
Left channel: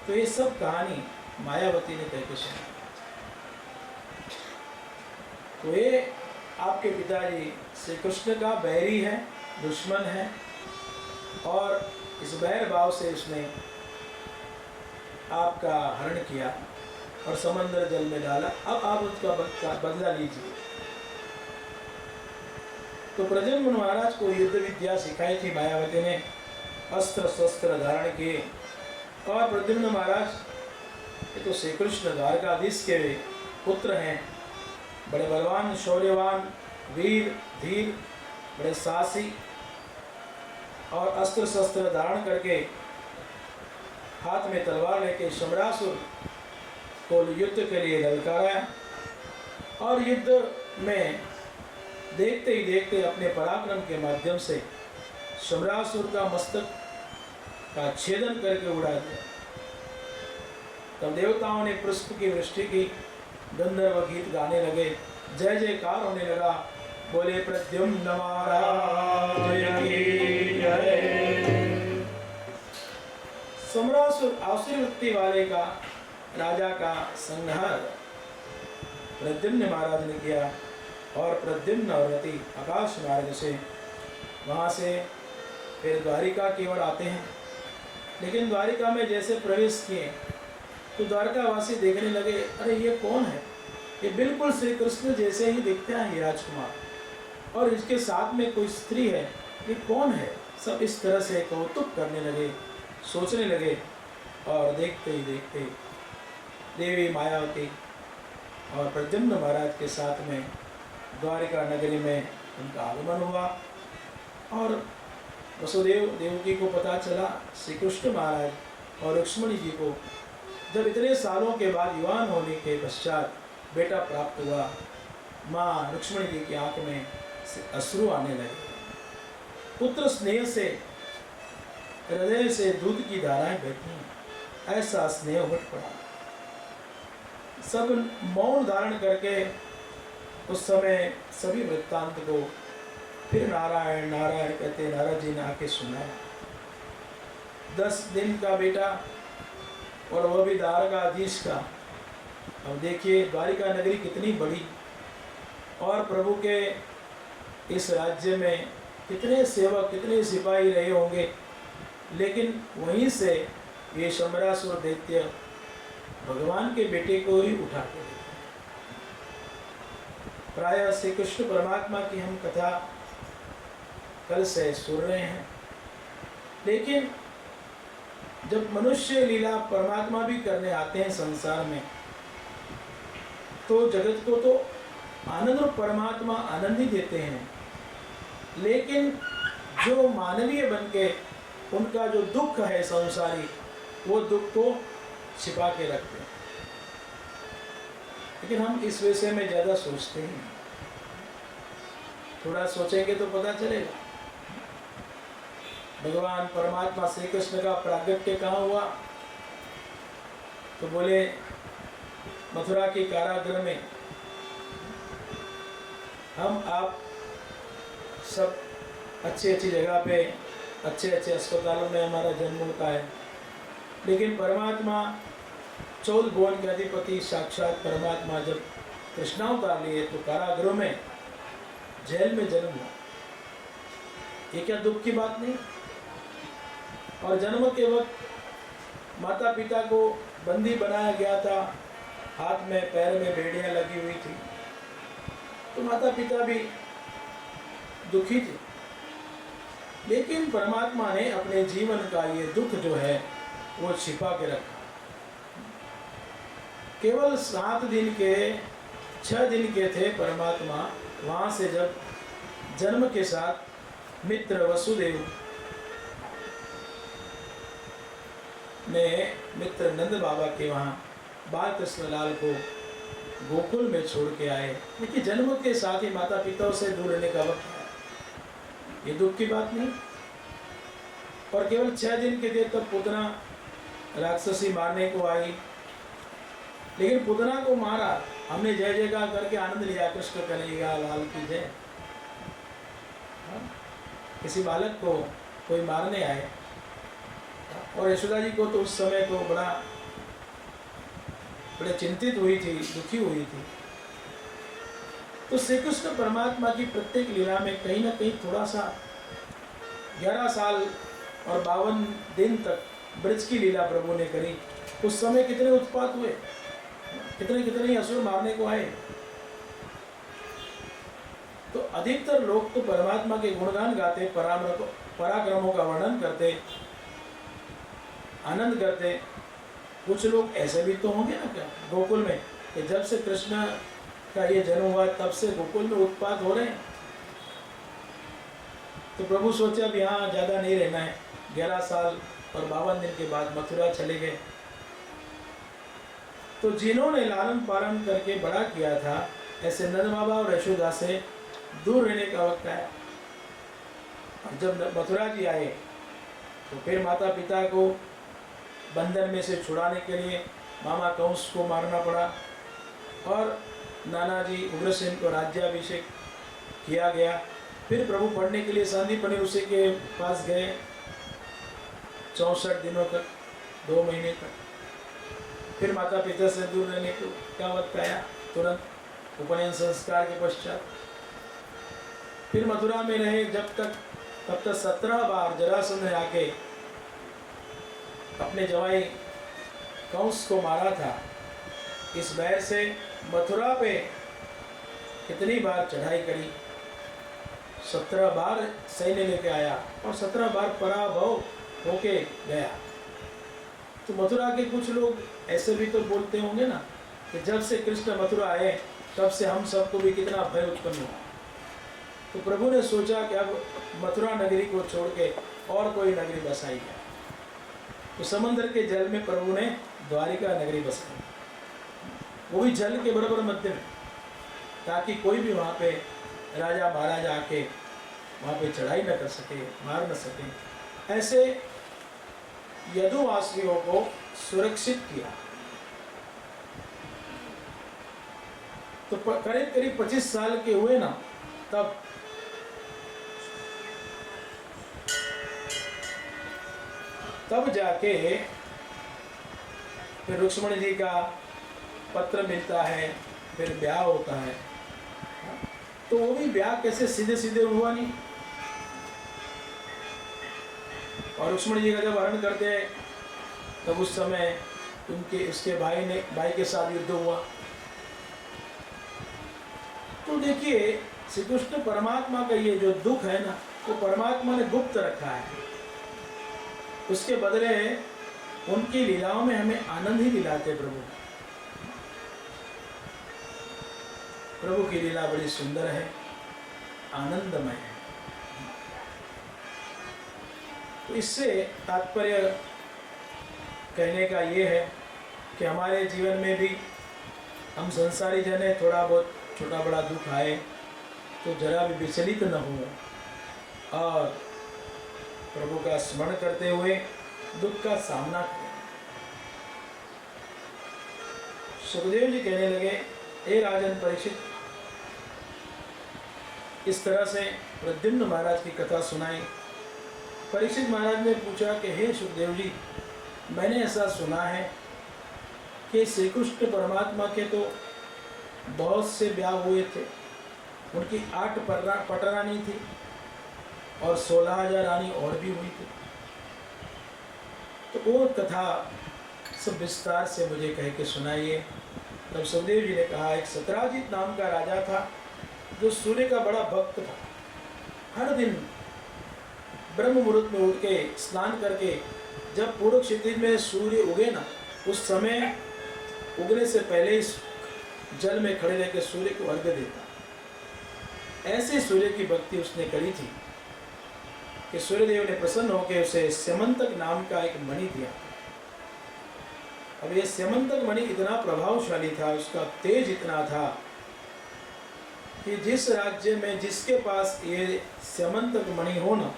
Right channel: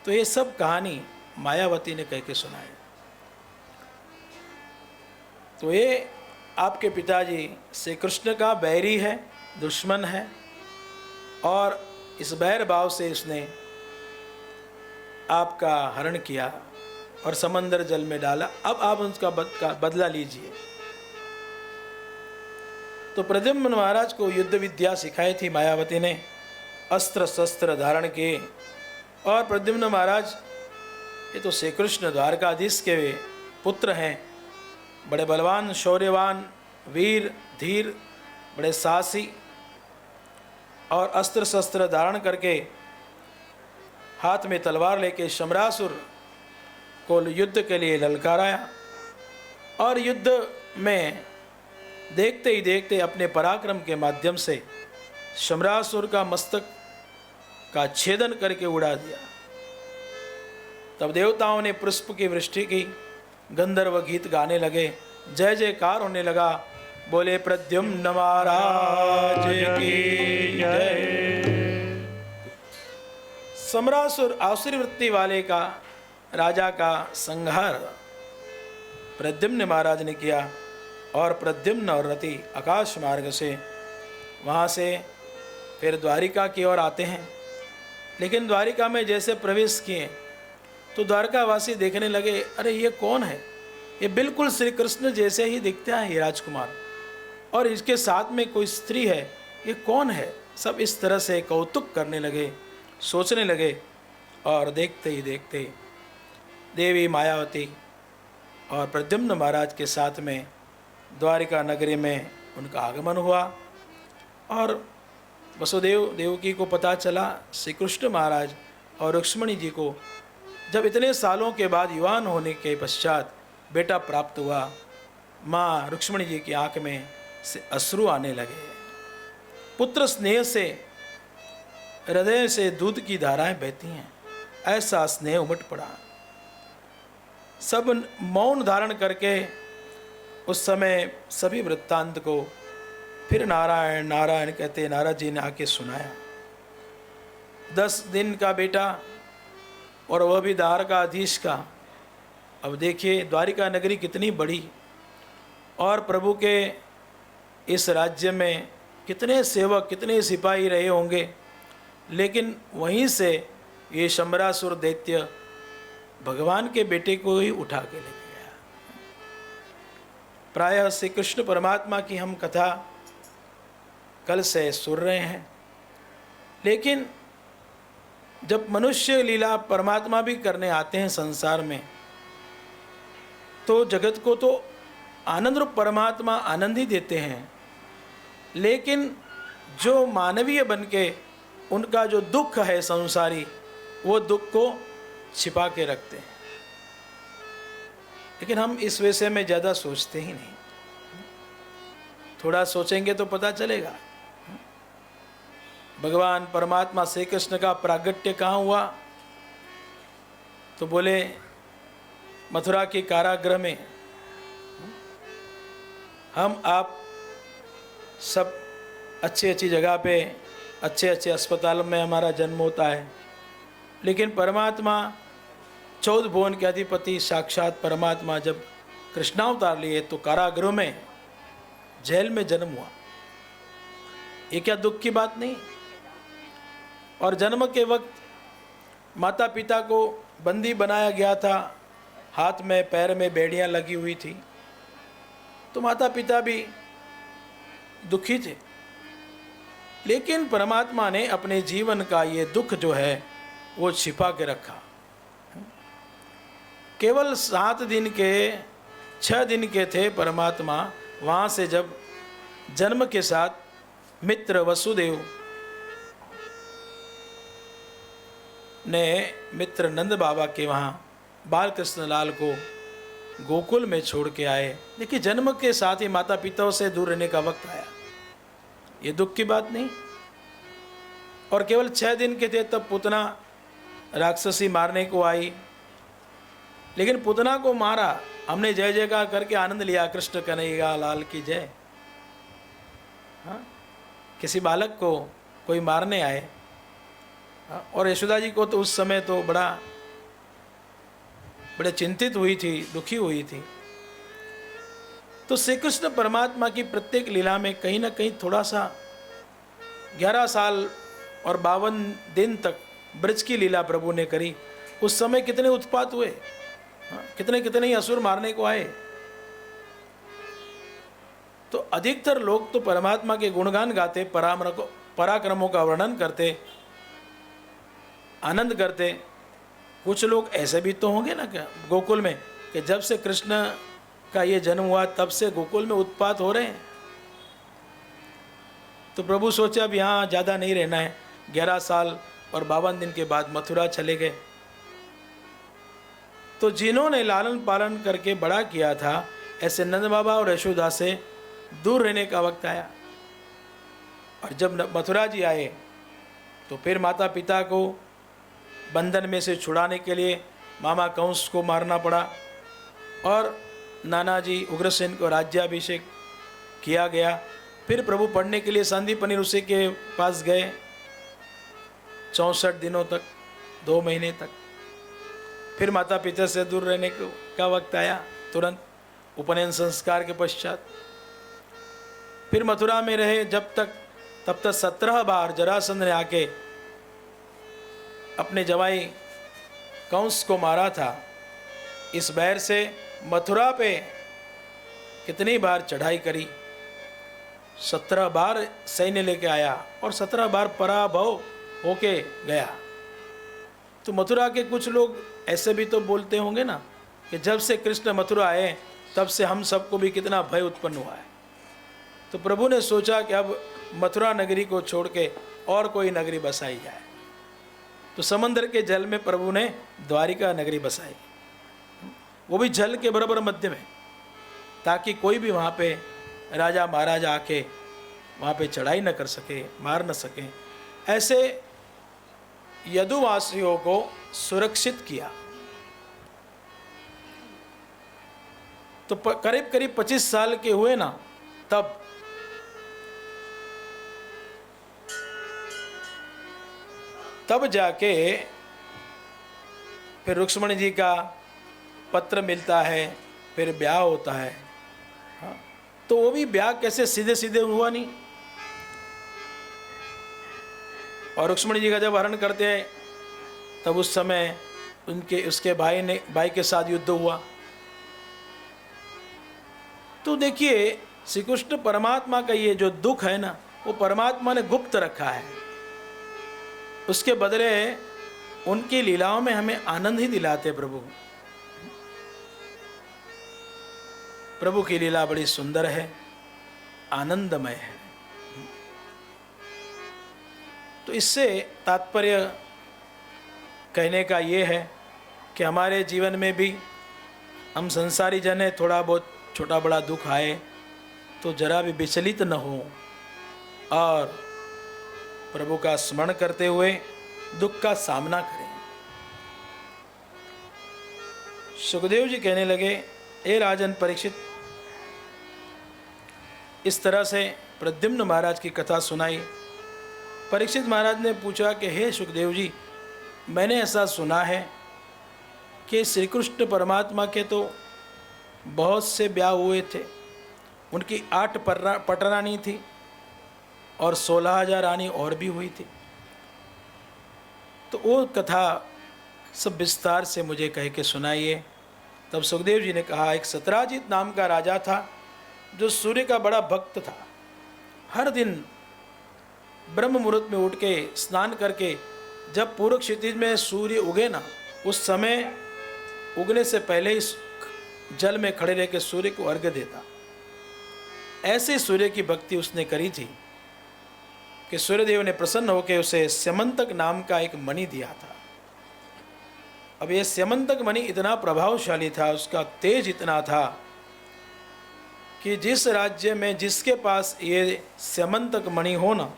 तो ये सब कहानी मायावती ने कह के सुनाई। तो ये आपके पिताजी श्री कृष्ण का बैरी है, दुश्मन है, और इस बैर भाव से इसने आपका हरण किया और समंदर जल में डाला। अब आप उसका बदला लीजिए। तो प्रद्युम्न महाराज को युद्ध विद्या सिखाई थी मायावती ने, अस्त्र शस्त्र धारण किए। और प्रद्युम्न महाराज ये तो श्री कृष्ण द्वारकाधीश के पुत्र हैं, बड़े बलवान, शौर्यवान, वीर, धीर, बड़े साहसी, और अस्त्र शस्त्र धारण करके हाथ में तलवार लेके शम्रासुर को युद्ध के लिए ललकाराया। और युद्ध में देखते ही देखते अपने पराक्रम के माध्यम से शम्रासुर का मस्तक का छेदन करके उड़ा दिया। तब देवताओं ने पुष्प की वृष्टि की, गंधर्व गीत गाने लगे, जय जयकार होने लगा। बोले प्रद्युम्न महाराज की जय। सम्रासुर आसुरी वृत्ति वाले का राजा का संहार प्रद्युम्न महाराज ने किया और प्रद्युम्न और रति आकाश मार्ग से वहाँ से फिर द्वारिका की ओर आते हैं। लेकिन द्वारिका में जैसे प्रवेश किए तो द्वारकावासी देखने लगे, अरे ये कौन है, ये बिल्कुल श्री कृष्ण जैसे ही दिखते हैं ये राजकुमार, और इसके साथ में कोई स्त्री है, ये कौन है। सब इस तरह से कौतुक करने लगे, सोचने लगे। और देखते ही देखते देवी मायावती और प्रद्युम्न महाराज के साथ में द्वारिका नगरी में उनका आगमन हुआ। और वसुदेव देवकी को पता चला श्री कृष्ण महाराज और रुक्ष्मणी जी को जब इतने सालों के बाद युवान होने के पश्चात बेटा प्राप्त हुआ, माँ रुक्ष्मणी जी की आंख में से अश्रु आने लगे। पुत्र स्नेह से हृदय से दूध की धाराएं बहती हैं, ऐसा स्नेह उमड़ पड़ा। सब मौन धारण करके उस समय सभी वृत्तांत को फिर नारायण नारायण कहते नारद जी ने आके सुनाया। 10 दिन का बेटा और वह भी द्वारकाधीश का। अब देखिए द्वारिका नगरी कितनी बड़ी, और प्रभु के इस राज्य में कितने सेवक कितने सिपाही रहे होंगे, लेकिन वहीं से ये शंबरासुर दैत्य भगवान के बेटे को ही उठा के ले गया। प्रायः श्री कृष्ण परमात्मा की हम कथा कल से सुन रहे हैं, लेकिन जब मनुष्य लीला परमात्मा भी करने आते हैं संसार में, तो जगत को तो आनंद रूप परमात्मा आनंद ही देते हैं, लेकिन जो मानवीय बन के उनका जो दुख है संसारी, वो दुख को छिपा के रखते हैं। लेकिन हम इस विषय में ज़्यादा सोचते ही नहीं, थोड़ा सोचेंगे तो पता चलेगा। भगवान परमात्मा श्री कृष्ण का प्रागट्य कहाँ हुआ, तो बोले मथुरा के कारागृह में। हम आप सब अच्छी अच्छी जगह पे अच्छे अच्छे अस्पतालों में हमारा जन्म होता है, लेकिन परमात्मा 14 भुवन के अधिपति साक्षात परमात्मा जब कृष्णावतार लिए तो कारागृह में जेल में जन्म हुआ। ये क्या दुख की बात नहीं। और जन्म के वक्त माता पिता को बंदी बनाया गया था, हाथ में पैर में बेड़ियां लगी हुई थी, तो माता पिता भी दुखी थे। लेकिन परमात्मा ने अपने जीवन का ये दुख जो है वो छिपा के रखा। केवल 7 दिन के 6 दिन के थे परमात्मा, वहाँ से जब जन्म के साथ मित्र वसुदेव ने मित्र नंद बाबा के वहाँ बाल कृष्ण लाल को गोकुल में छोड़ के आए। देखिए जन्म के साथ ही माता पिताओं से दूर रहने का वक्त आया, ये दुख की बात नहीं। और केवल 6 दिन के थे तब पूतना राक्षसी मारने को आई, लेकिन पूतना को मारा, हमने जय जयकार करके आनंद लिया, कृष्ण कन्हैया लाल की जय। किसी बालक को कोई मारने आए, और यशोदा जी को तो उस समय तो बड़े चिंतित हुई थी, दुखी हुई थी। तो श्री कृष्ण परमात्मा की प्रत्येक लीला में कहीं ना कहीं थोड़ा सा 11 साल और 52 दिन तक ब्रज की लीला प्रभु ने करी। उस समय कितने उत्पात हुए, कितने कितने ही असुर मारने को आए। तो अधिकतर लोग तो परमात्मा के गुणगान गाते, पराक्रमों का वर्णन करते, आनंद करते। कुछ लोग ऐसे भी तो होंगे ना क्या गोकुल में, कि जब से कृष्ण का ये जन्म हुआ तब से गोकुल में उत्पात हो रहे हैं। तो प्रभु सोचे अब यहाँ ज़्यादा नहीं रहना है, 11 साल और 52 दिन के बाद मथुरा चले गए। तो जिन्होंने लालन पालन करके बड़ा किया था, ऐसे नंद बाबा और यशोदा से दूर रहने का वक्त आया। और जब मथुरा जी आए तो फिर माता पिता को बंधन में से छुड़ाने के लिए मामा कंस को मारना पड़ा, और नाना जी उग्रसेन को राज्याभिषेक किया गया। फिर प्रभु पढ़ने के लिए संदीपनि ऋषि के पास गए 64 दिनों तक, 2 महीने तक। फिर माता पिता से दूर रहने का वक्त आया, तुरंत उपनयन संस्कार के पश्चात। फिर मथुरा में रहे तब तक 17 बार जरासंध ने आके अपने जवाई कंस को मारा था। इस बैर से मथुरा पे कितनी बार चढ़ाई करी, 17 बार सैन्य लेके आया और 17 बार पराभव होके गया। तो मथुरा के कुछ लोग ऐसे भी तो बोलते होंगे ना कि जब से कृष्ण मथुरा आए तब से हम सबको भी कितना भय उत्पन्न हुआ है। तो प्रभु ने सोचा कि अब मथुरा नगरी को छोड़ के और कोई नगरी बसाई जाए। तो समंदर के जल में प्रभु ने द्वारिका नगरी बसाई, वो भी जल के बराबर मध्य में, ताकि कोई भी वहाँ पे राजा महाराजा आके वहाँ पे चढ़ाई न कर सके, मार न सके। ऐसे यदुवासियों को सुरक्षित किया। तो करीब करीब 25 साल के हुए ना, तब जाके फिर रुक्मणी जी का पत्र मिलता है, फिर ब्याह होता है। तो वो भी ब्याह कैसे सीधे सीधे हुआ नहीं। और रुक्मणी जी का जब हरण करते हैं तब उस समय उसके भाई के साथ युद्ध हुआ। तो देखिए श्री कृष्ण परमात्मा का ये जो दुख है ना, वो परमात्मा ने गुप्त रखा है। उसके बदले उनकी लीलाओं में हमें आनंद ही दिलाते प्रभु की लीला बड़ी सुंदर है, आनंदमय है। तो इससे तात्पर्य कहने का ये है कि हमारे जीवन में भी हम संसारी जन हैं, थोड़ा बहुत छोटा बड़ा दुख आए तो जरा भी विचलित न हो और प्रभु का स्मरण करते हुए दुख का सामना करें। सुखदेव जी कहने लगे, हे राजन परीक्षित, इस तरह से प्रद्युम्न महाराज की कथा सुनाई। परीक्षित महाराज ने पूछा कि हे सुखदेव जी, मैंने ऐसा सुना है कि श्री कृष्ण परमात्मा के तो बहुत से ब्याह हुए थे, उनकी 8 पटरानी थी और 16,000 रानी और भी हुई थी। तो वो कथा सब विस्तार से मुझे कह के सुनाइए। तब सुखदेव जी ने कहा, एक सत्राजित नाम का राजा था जो सूर्य का बड़ा भक्त था। हर दिन ब्रह्म मुहूर्त में उठ के स्नान करके जब पूर्व क्षितिज में सूर्य उगे ना, उस समय उगने से पहले ही जल में खड़े रह के सूर्य को अर्घ्य देता। ऐसे सूर्य की भक्ति उसने करी थी कि सूर्यदेव ने प्रसन्न होकर उसे स्यमंतक नाम का एक मणि दिया था। अब ये स्यमंतक मणि इतना प्रभावशाली था, उसका तेज इतना था कि जिस राज्य में जिसके पास ये स्यमंतक मणि हो ना,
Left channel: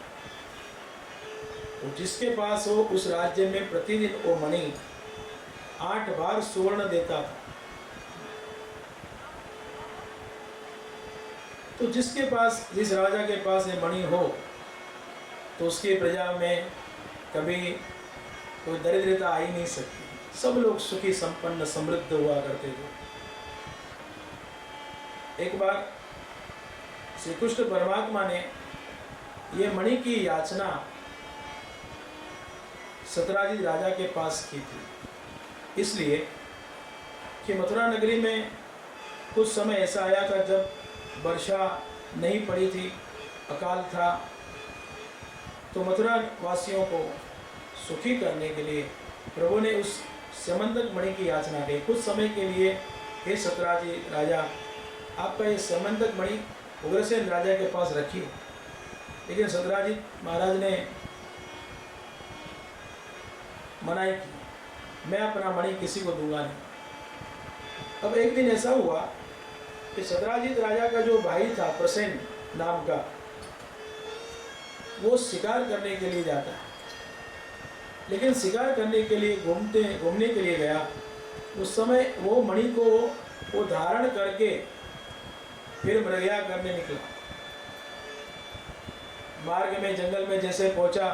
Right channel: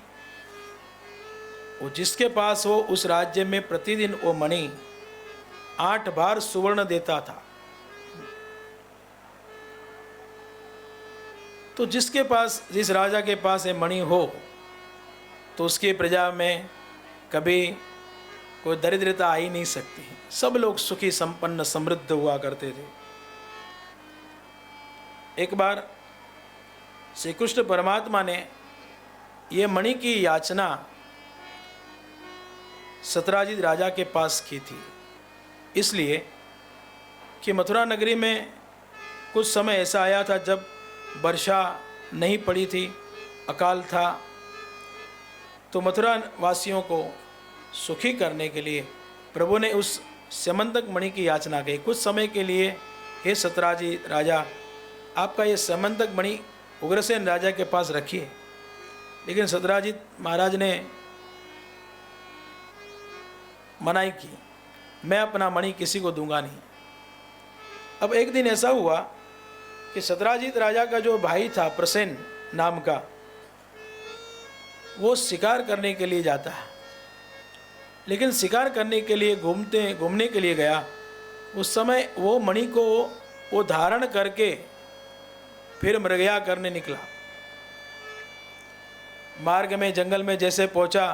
वो जिसके पास हो उस राज्य में प्रतिदिन वो मणि 8 बार सुवर्ण देता था। तो जिसके पास, जिस राजा के पास ये मणि हो तो उसकी प्रजा में कभी कोई दरिद्रता आ ही नहीं सकती, सब लोग सुखी संपन्न समृद्ध हुआ करते थे। एक बार श्री कृष्ण परमात्मा ने ये मणि की याचना सत्राजित राजा के पास की थी, इसलिए कि मथुरा नगरी में कुछ समय ऐसा आया था जब वर्षा नहीं पड़ी थी, अकाल था। तो मथुरा वासियों को सुखी करने के लिए प्रभु ने उस स्यमंतक मणि की याचना की। कुछ समय के लिए, हे सत्राजित राजा, आपका ये स्यमंतक मणि उग्रसेन राजा के पास रखिए। लेकिन सत्राजित महाराज ने मनाही की, मैं अपना मणि किसी को दूंगा नहीं। अब एक दिन ऐसा हुआ कि सत्राजित राजा का जो भाई था प्रसेन नाम का, वो शिकार करने के लिए जाता है। लेकिन शिकार करने के लिए घूमने के लिए गया, उस समय वो मणि को वो धारण करके फिर मृगया करने निकला। मार्ग में जंगल में जैसे पहुंचा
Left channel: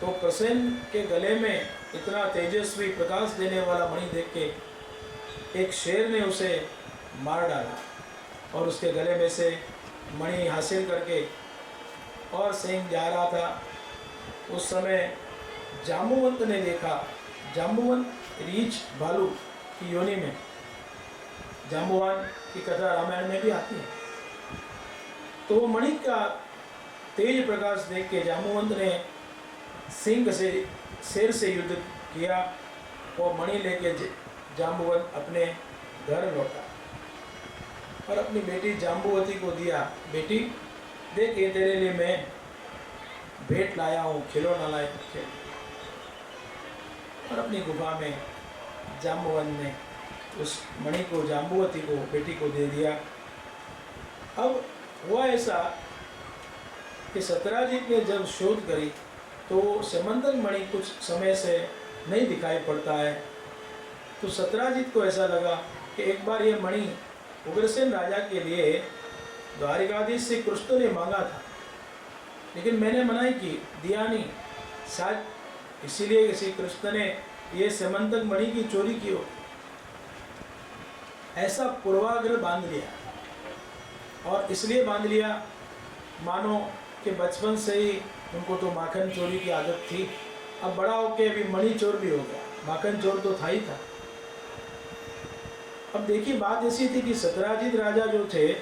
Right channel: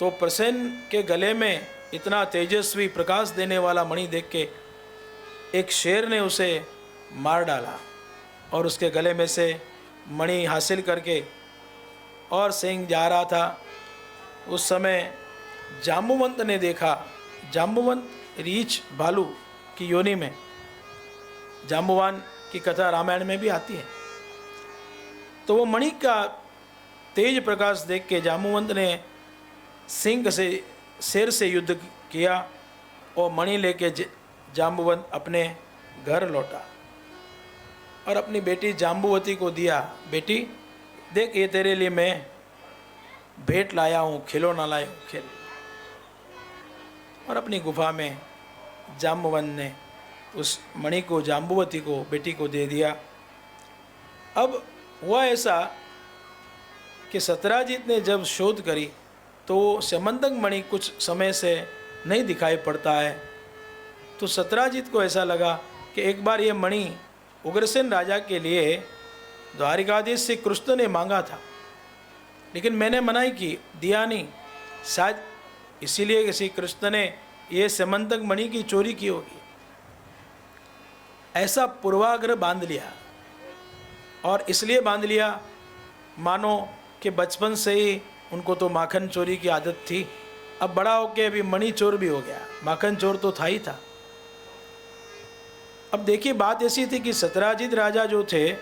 तो प्रसेन के गले में इतना तेजस्वी प्रकाश देने वाला मणि देख के एक शेर ने उसे मार डाला और उसके गले में से मणि हासिल करके और सिंह जा रहा था, उस समय जाम्बुवंत ने देखा। जाम्बुवंत रीछ भालू की योनि में, जाम्बुवान की कथा रामायण में भी आती है। तो वो मणि का तेज प्रकाश देख के जाम्बुवंत ने सिंह से, शेर से युद्ध किया और मणि लेके जाम्बुवंत अपने घर लौटा और अपनी बेटी जाम्बुवती को दिया। बेटी देख, ये तेरे लिए मैं भेंट लाया हूँ, खिलौना लाया हूँ, खेल। और अपनी गुफा में जाम्बुवंत ने उस मणि को जाम्बुवती को, बेटी को दे दिया। अब हुआ ऐसा कि सत्यराजीत ने जब शोध करी तो समंतक मणि कुछ समय से नहीं दिखाई पड़ता है। तो सत्यराजीत को ऐसा लगा कि एक बार ये मणि उग्रसेन राजा के लिए द्वारिकाधीश से कृष्ण ने मांगा था, लेकिन मैंने मनाही की, दिया नहीं। शायद इसीलिए किसी कृष्ण ने ये समंतक मणि की चोरी की होगी, ऐसा पूर्वाग्रह बांध लिया। और इसलिए बांध लिया मानो कि बचपन से ही उनको तो माखन चोरी की आदत थी, अब बड़ा होके अभी मणि चोर भी हो गया, माखन चोर तो था ही था। अब देखिए, बात ऐसी थी कि सत्यराजीत राजा जो थे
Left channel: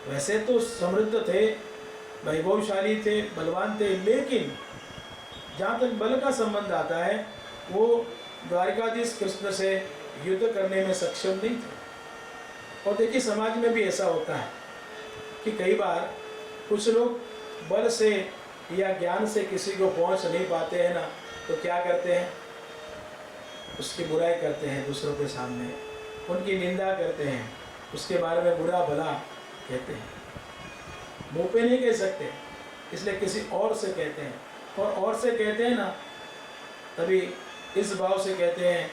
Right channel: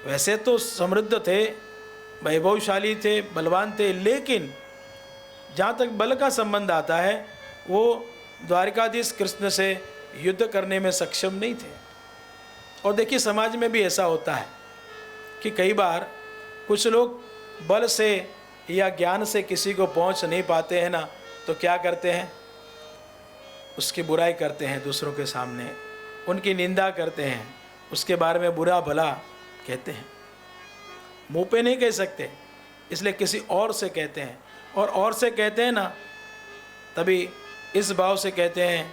वैसे तो समृद्ध थे, वैभवशाली थे, बलवान थे, लेकिन जहाँ तक बल का संबंध आता है वो द्वारिकाधीश कृष्ण से युद्ध करने में सक्षम नहीं थे। और देखिए, समाज में भी ऐसा होता है कि कई बार कुछ लोग बल से या ज्ञान से किसी को पहुंच नहीं पाते हैं ना, तो क्या करते हैं, उसकी बुराई करते हैं, दूसरों के सामने उनकी निंदा करते हैं, उसके बारे में बुरा भला कहते हैं। मुँह पे नहीं कह सकते, इसलिए किसी और से कहते हैं। और से कहते हैं ना, तभी इस भाव से कहते हैं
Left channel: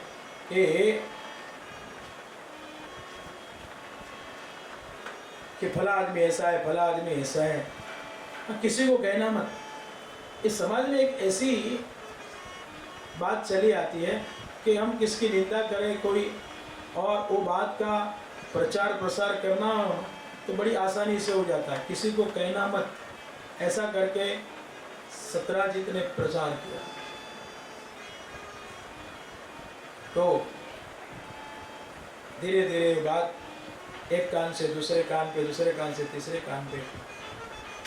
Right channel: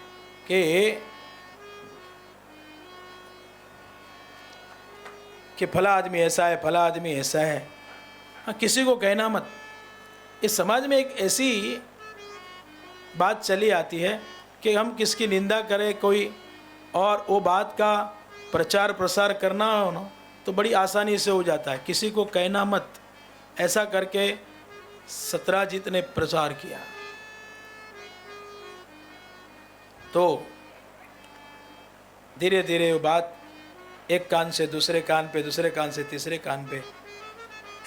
कि फला आदमी ऐसा है, फला आदमी ऐसा है। हाँ, किसी को कहना मत। इस समाज में एक ऐसी बात चली आती है कि हम किसकी निंदा करें कोई, और वो बात का प्रचार प्रसार करना हो तो बड़ी आसानी से हो जाता है, किसी को कहना मत, ऐसा करके सत्यराजीत ने प्रचार किया। तो धीरे धीरे वो बात एक कान से दूसरे कान पे, दूसरे कान से तीसरे कान पे,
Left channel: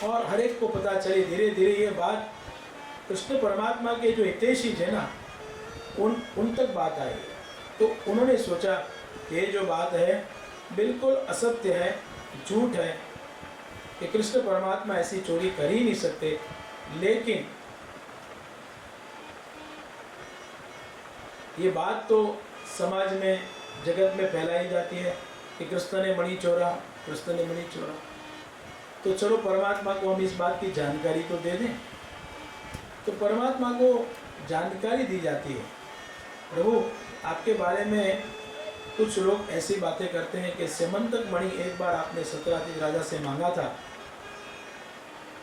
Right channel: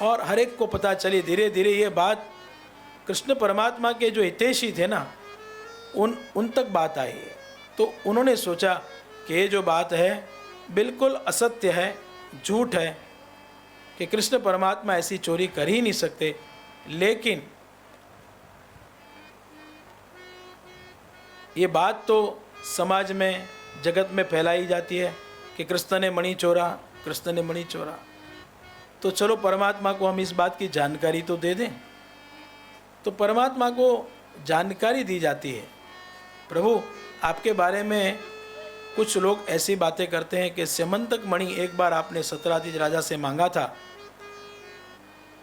और हर एक को पता चली। धीरे धीरे ये बात कृष्ण परमात्मा के जो हितैषी थे ना, उन तक बात आई। तो उन्होंने सोचा कि ये जो बात है बिल्कुल असत्य है, झूठ है, कि कृष्ण परमात्मा ऐसी चोरी कर ही नहीं सकते। लेकिन ये बात तो समाज में, जगत में फैलाई जाती है कि कृष्ण ने मणि चोरा, कृष्ण ने मणि चोरा। तो चलो परमात्मा को हम इस बात की जानकारी तो दे दें। तो परमात्मा को जानकारी दी जाती है, प्रभु आपके बारे में कुछ लोग ऐसी बातें करते हैं कि समंतक मणि एक बार आपने सत्यराजीत राजा से मांगा था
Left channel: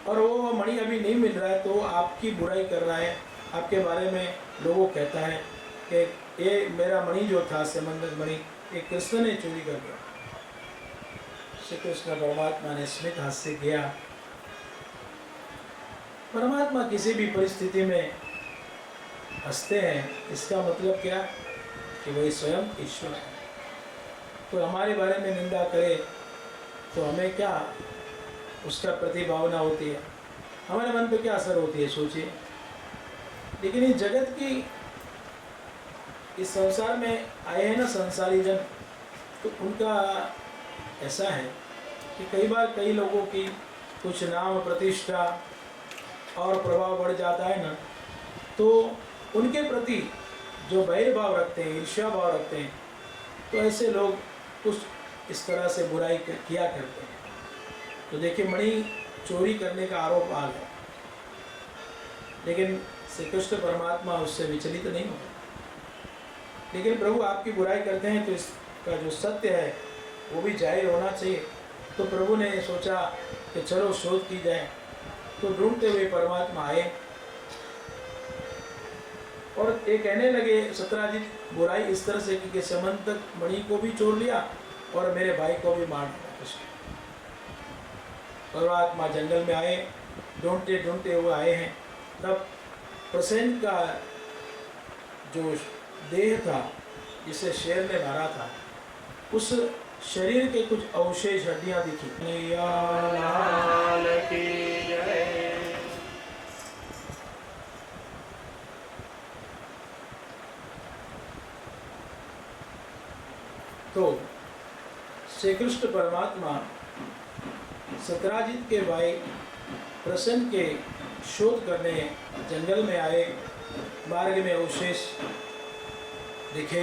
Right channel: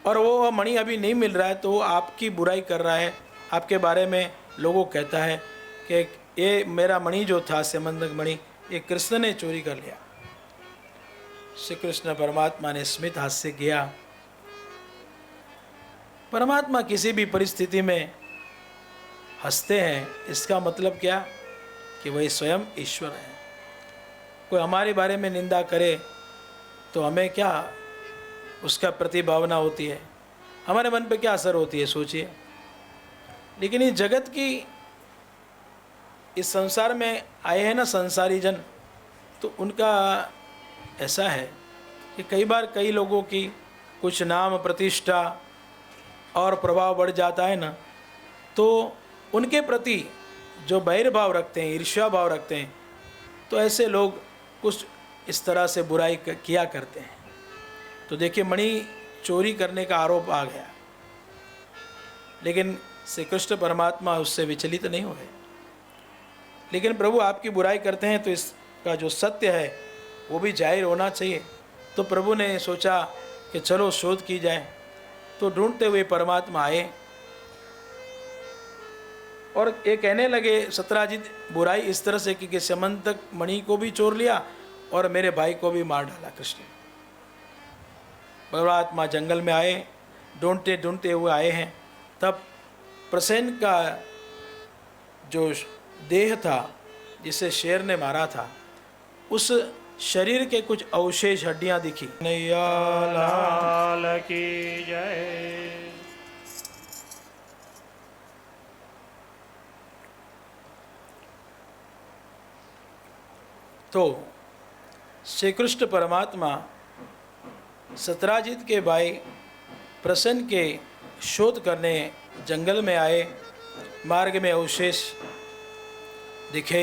और वो मणि अभी नहीं मिल रहा है, तो आपकी बुराई कर रहा है, आपके बारे में लोगों कहता है कि ये मेरा मणि जो था समंतक मणि, ये कृष्ण ने चोरी कर लिया। श्री कृष्ण परमात्मा ने स्मित हास्य किया। परमात्मा किसी भी परिस्थिति में हंसते हैं, इसका मतलब क्या कि वही स्वयं ईश्वर है। कोई हमारे बारे में निंदा करे तो हमें क्या उसका प्रतिभावना होती है, हमारे मन पे क्या असर होती है, सोचिए। लेकिन इस जगत की, इस संसार में आए हैं ना संसारी जन, तो उनका ऐसा है कि कई बार कई लोगों की कुछ नाम प्रतिष्ठा और प्रभाव बढ़ जाता है ना, तो उनके प्रति जो बैरभाव रखते हैं, ईर्ष्या भाव रखते हैं, तो ऐसे लोग कुछ इस तरह से बुराई किया करते हैं। तो देखिए, मणि चोरी करने का आरोप आ गया, लेकिन श्री कृष्ण परमात्मा उससे विचलित नहीं हुए। लेकिन प्रभु आपकी बुराई करते हैं तो इसका जो सत्य है वो भी जाहिर होना चाहिए। तो प्रभु ने सोचा कि चलो शोध की जाए। तो ढूंढते हुए परमात्मा आए और ये कहने लगे, सत्यराजीत बुराई इस तरह से कि समंतक मणि को भी चोर लिया और मेरे भाई को भी मार डाला कृष्ण। परमात्मा जंगल में आए, ढूंढते ढूंढते हुए आए हैं, तब प्रसेन का जो देह था जिसे शेर ने मारा था, उस शरीर के कुछ अवशेष हड्डियां दिखी। नैया लाल की जय। तो श्री कृष्ण परमात्मा सतराजित के भाई प्रसन्न के शोध करने जंगल में आए। मार्ग में अवशेष दिखे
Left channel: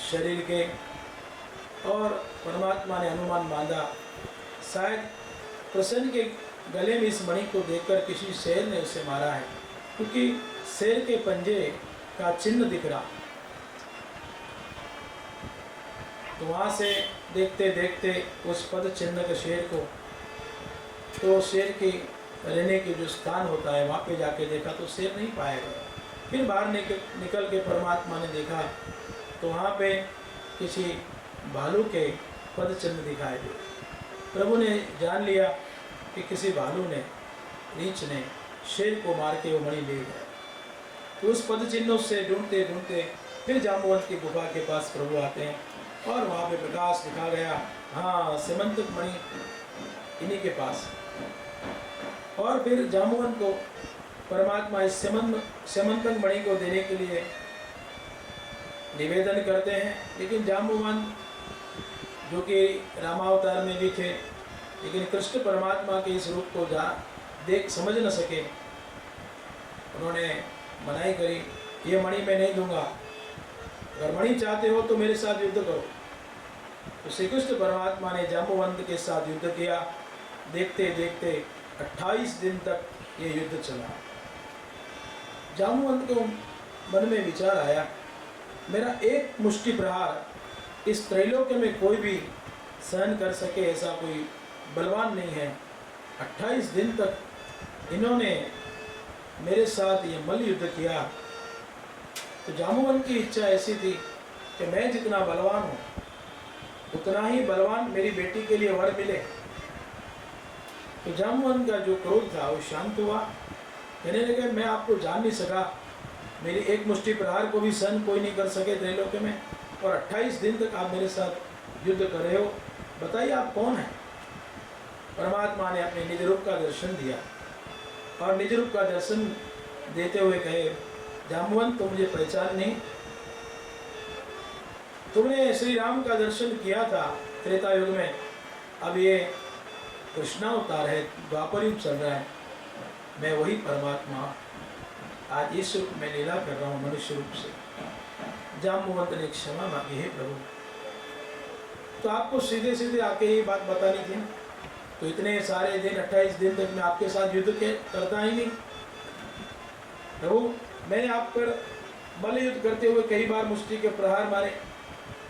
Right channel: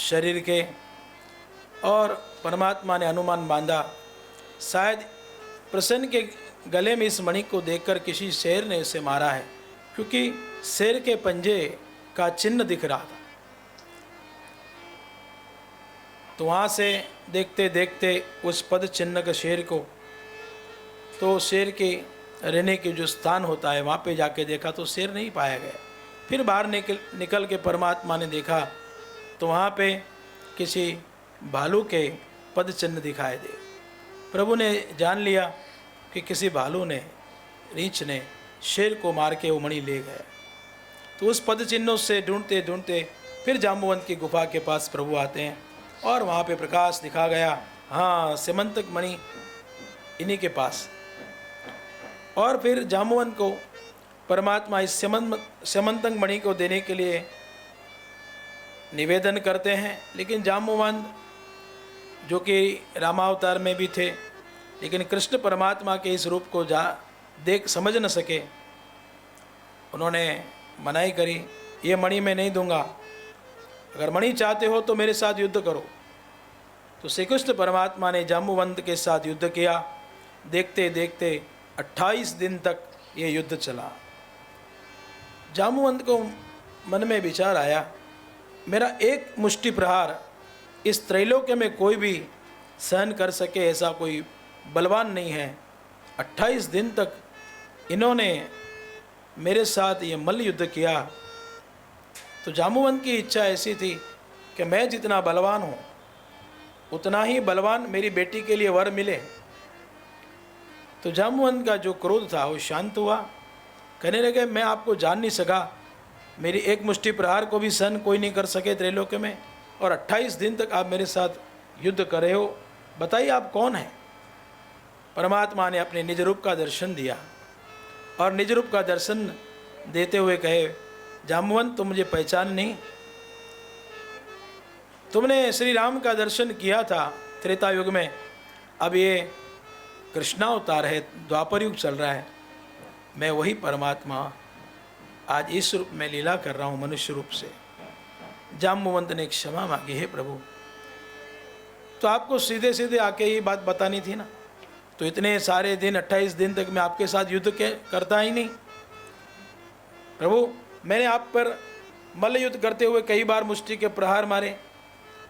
शरीर के, और परमात्मा ने अनुमान बांधा शायद प्रसन्न के गले में इस मणि को देखकर किसी शेर ने उसे मारा है, क्योंकि शेर के पंजे का चिन्ह दिख रहा। तो वहाँ से देखते देखते उस पद चिन्ह के शेर को, तो शेर के रहने के जो स्थान होता है वहाँ पे जाके देखा तो शेर नहीं पाया गया। फिर बाहर निकल के परमात्मा ने देखा तो वहाँ पे किसी भालू के पद चिन्ह दिखाई दे। प्रभु ने जान लिया कि किसी भालू ने, रीछ ने शेर को मार के वो मणि ले गया। तो उस पद चिन्हों से ढूंढते ढूंढते फिर जाम्बुवंत की गुफा के पास प्रभु आते हैं, और वहाँ पे प्रकाश दिखा गया, हाँ सिमंतक मणि इन्हीं के पास। और फिर जाम्बुवंत को परमात्मा इस समंतक मणि को देने के लिए निवेदन करते हैं, लेकिन जाम्बुवंत जो कि रामावतार में भी थे, लेकिन कृष्ण परमात्मा के इस रूप को देख समझ न सके। उन्होंने मनाही करी, ये मणि मैं नहीं दूंगा, अगर मणि चाहते हो तो मेरे साथ युद्ध करो। तो श्री कृष्ण परमात्मा ने जाम्बुवंत के साथ युद्ध किया। देखते देखते 28 दिन तक ये युद्ध चला। जाम्बुवंत को मन में विचार आया, मेरा एक मुष्टि प्रहार इस त्रैलोक्य में कोई भी सहन कर सके ऐसा कोई बलवान नहीं है। 28 दिन तक इन्होंने मेरे साथ ये मल्ल युद्ध किया। तो जाम्बुवंत की इच्छा ऐसी थी कि मैं जितना बलवान हूँ उतना ही बलवान मेरी बेटी के लिए वर मिले। तो जाम्बुवंत का जो क्रोध था वो शांत हुआ। कहने लगे, मैं आपको जान नहीं सका, मेरी एक मुष्टि प्रहार को भी सहन कोई नहीं कर सके त्रैलोक्य में, और 28 दिन तक आप मेरे साथ युद्ध कर रहे हो, बताइए आप कौन हैं। परमात्मा ने अपने निज रूप का दर्शन दिया, और निज रूप का दर्शन देते हुए कहे, जाम्बुवंत तुम मुझे पहचान नहीं, तुमने श्री राम का दर्शन किया था त्रेता युग में, अब ये कृष्णावतार है, द्वापर युग चल रहा है, मैं वही परमात्मा आज इस रूप में लीला कर रहा हूँ मनुष्य रूप से। जाम्बुवंत ने क्षमा मांगी, है प्रभु, तो आपको सीधे सीधे आके ही बात बतानी थी ना, तो इतने सारे दिन 28 दिन तक मैं आपके साथ युद्ध करता ही नहीं। प्रभु मैंने आप पर मल्ल युद्ध करते हुए कई बार मुष्टि के प्रहार मारे,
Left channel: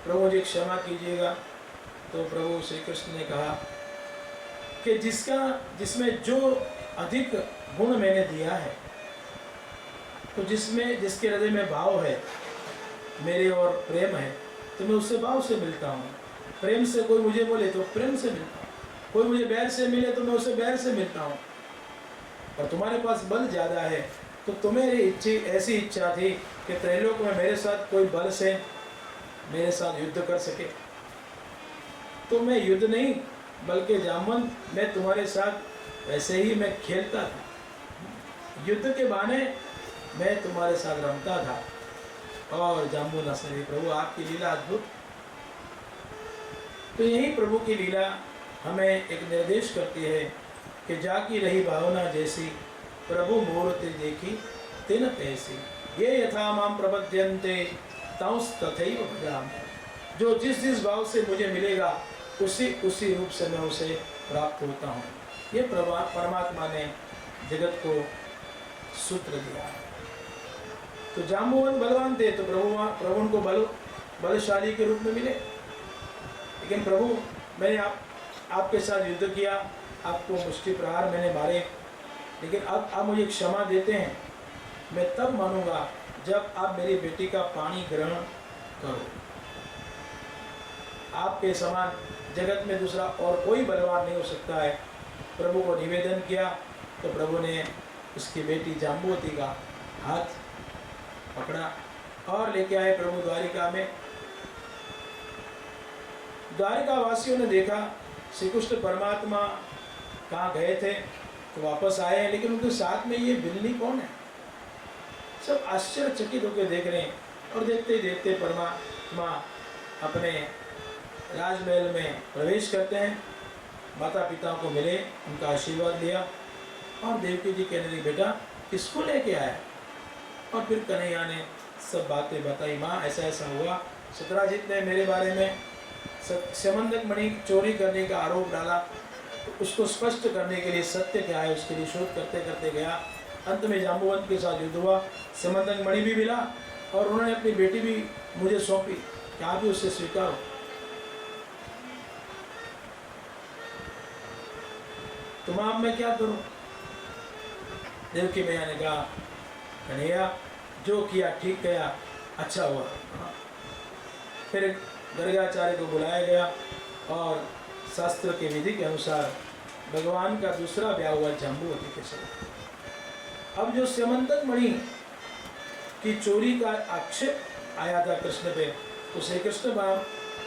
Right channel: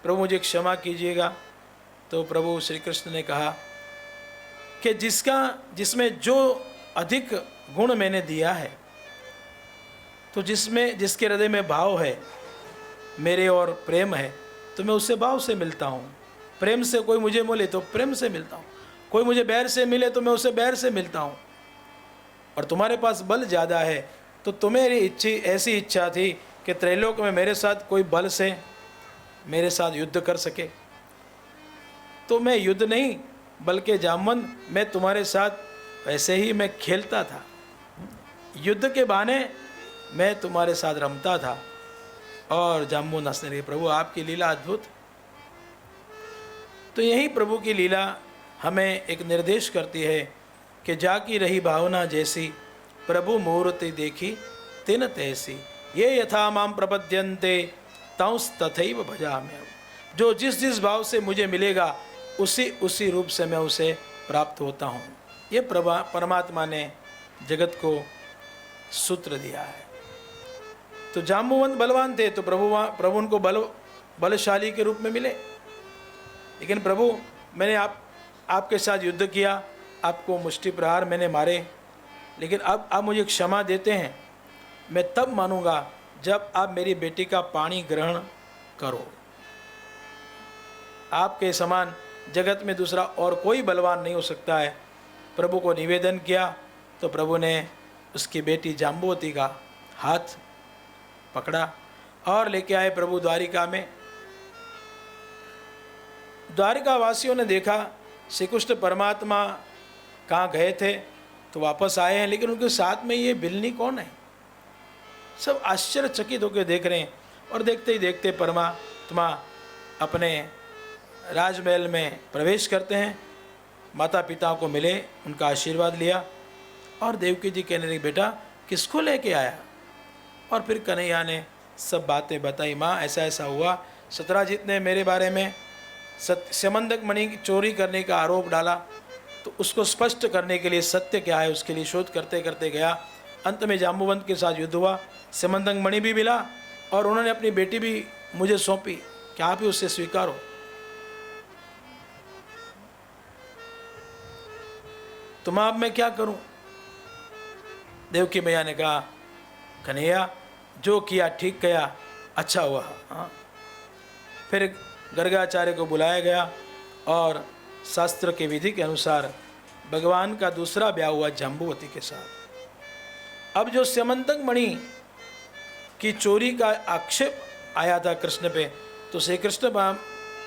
प्रभु मुझे क्षमा कीजिएगा। तो प्रभु श्री कृष्ण ने कहा कि जिसमें जो अधिक गुण मैंने दिया है, तो जिसके हृदय में भाव है मेरे और प्रेम है, तो मैं उससे भाव से मिलता हूँ। प्रेम से कोई मुझे मिले तो प्रेम से मिलता हूँ, कोई मुझे बैर से मिले तो मैं उससे बैर से मिलता हूँ। और तुम्हारे पास बल ज़्यादा है, तो तुम्हें ऐसी इच्छा थी कि त्रैलोक में मेरे साथ कोई बल से मेरे साथ युद्ध कर सके, तो मैं युद्ध नहीं बल्कि जाम्बुवंत मैं तुम्हारे साथ वैसे ही मैं खेलता था, युद्ध के बहाने मैं तुम्हारे साथ रमता था। और जाम्बुवंत हंसने लगे, प्रभु आपकी लीला अद्भुत। तो यही प्रभु की लीला हमें एक निर्देश करती है कि जाकी रही भावना जैसी, प्रभु मूर्ति देखी तिन तैसी, ये यथा माम प्रपद्यन्ते तांस तथैव भजामि। जो जिस भाव से मुझे मिलेगा उसी रूप से मैं उसे प्राप्त होता हूँ। ये परमात्मा ने जगत को सूत्र दिया है। तो जाम्बुवंत बलवान थे, तो प्रभु उनको बलशाली के रूप में मिले। लेकिन प्रभु मैंने आपके साथ युद्ध किया, आपको मुष्टि प्रहार मैंने मारे, लेकिन अब आप मुझे क्षमा देते हैं, मैं तब मानूंगा जब आप मेरी बेटी का पानी ग्रहण करो। आपके समान जगत में दूसरा और कोई बलवान नहीं हो सकता है। प्रभु को निवेदन किया तो प्रभु ने उसकी बेटी जाम्बुवती का हाथ पकड़ा और लेके आए प्रभु द्वारिका में। द्वारिका वासियों ने देखा श्री कृष्ण परमात्मा कहाँ गए थे तो वापस आए हैं, लेकिन उनके साथ में ये बिल्ली कौन है। सब आश्चर्यचकित होकर देख रहे हैं और देखते ही देखते परमात्मा अपने राजमहल में प्रवेश करते हैं, माता पिता को मिले, उनका आशीर्वाद लिया और देवकी जी कहने लगी बेटा किसको लेके आया। और फिर कन्हैया ने सब बातें बताई, माँ ऐसा ऐसा हुआ, सतराजीत ने मेरे बारे में समंदक मणि चोरी करने का आरोप डाला, तो उसको स्पष्ट करने के लिए सत्य क्या है उसके लिए शोध करते करते गया। अंत में जाम्बुवंत के साथ युद्ध हुआ, समंदक मणि भी मिला और उन्होंने अपनी बेटी भी मुझे सौंपी कि आप ही उससे स्वीकारो। तो माँ अब मैं क्या करूं। देवकी मैया ने कहा कन्हैया जो किया ठीक किया, अच्छा हुआ। हाँ। फिर गर्गाचार्य को बुलाया गया और शास्त्र के विधि के अनुसार भगवान का दूसरा ब्याह हुआ जाम्बुवती के साथ। अब जो समंदक मणि की चोरी का आक्षेप आया था कृष्ण पे, तो श्री कृष्ण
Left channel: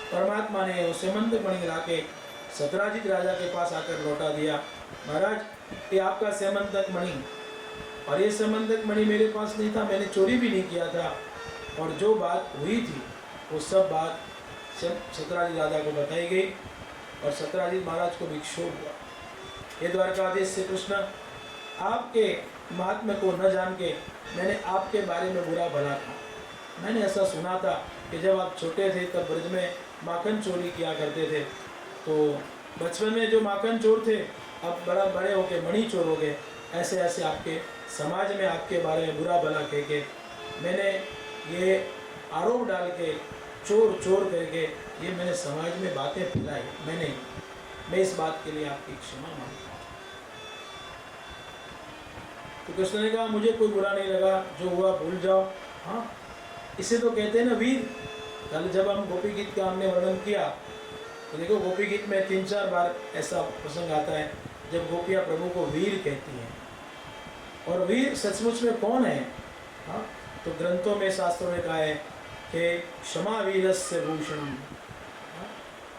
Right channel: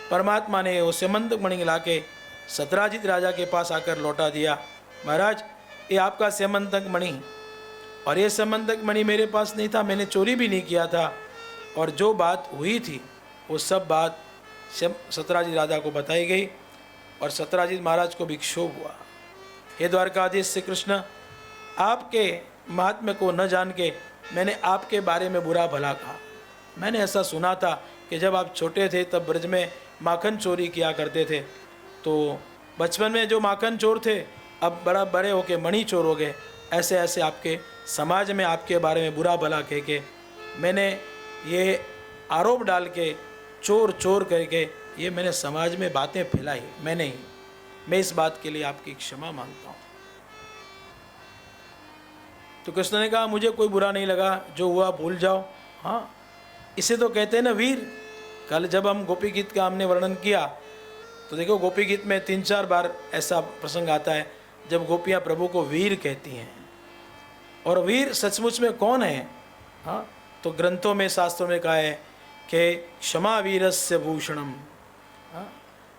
परमात्मा ने वो समंदक मणि ला के सतराजीत राजा के पास आकर लौटा दिया। महाराज ये आपका समंदक मणि, और ये समंदक मणि मेरे पास नहीं था, मैंने चोरी भी नहीं किया था, और जो बात हुई थी वो सब बात सतराजीत राजा को बताई गई और सतराजीत महाराज को भी क्षोभ हुआ। हे द्वारकाधीश श्री कृष्ण, आपके महात्म्य को न जान के मैंने आपके बारे में बुरा भला कहा। मैंने ऐसा सुना था कि जब आप छोटे थे तब ब्रज में माखन चोरी किया करते थे, तो बचपन में जो माखन चोर थे अब बड़े होके मणि चोर हो गए। ऐसे ऐसे आपके समाज में आपके बारे में बुरा भला कह के मैंने ये आरोप डाल के चोर चोर करके ये मैंने समाज में बातें फैलाई। मैं इस बात के लिए आपकी क्षमा मांगता हूँ। तो कृष्ण ने कहा मुझे कोई बुरा नहीं लगा, जो हुआ भूल जाओ। हाँ, इसे तो कहते हैं ना वीर। कल जब हम गोपी गीत का हमने वर्णन किया तो देखो गोपी गीत में 3-4 बार ऐसा प्रसंग आता है जब गोपियाँ प्रभु को वीर कहती हैं। और वीर सचमुच में कौन है। हाँ, तो ग्रंथों में शास्त्रों में कहा है कि क्षमा वीरस्य भूषणम। हाँ,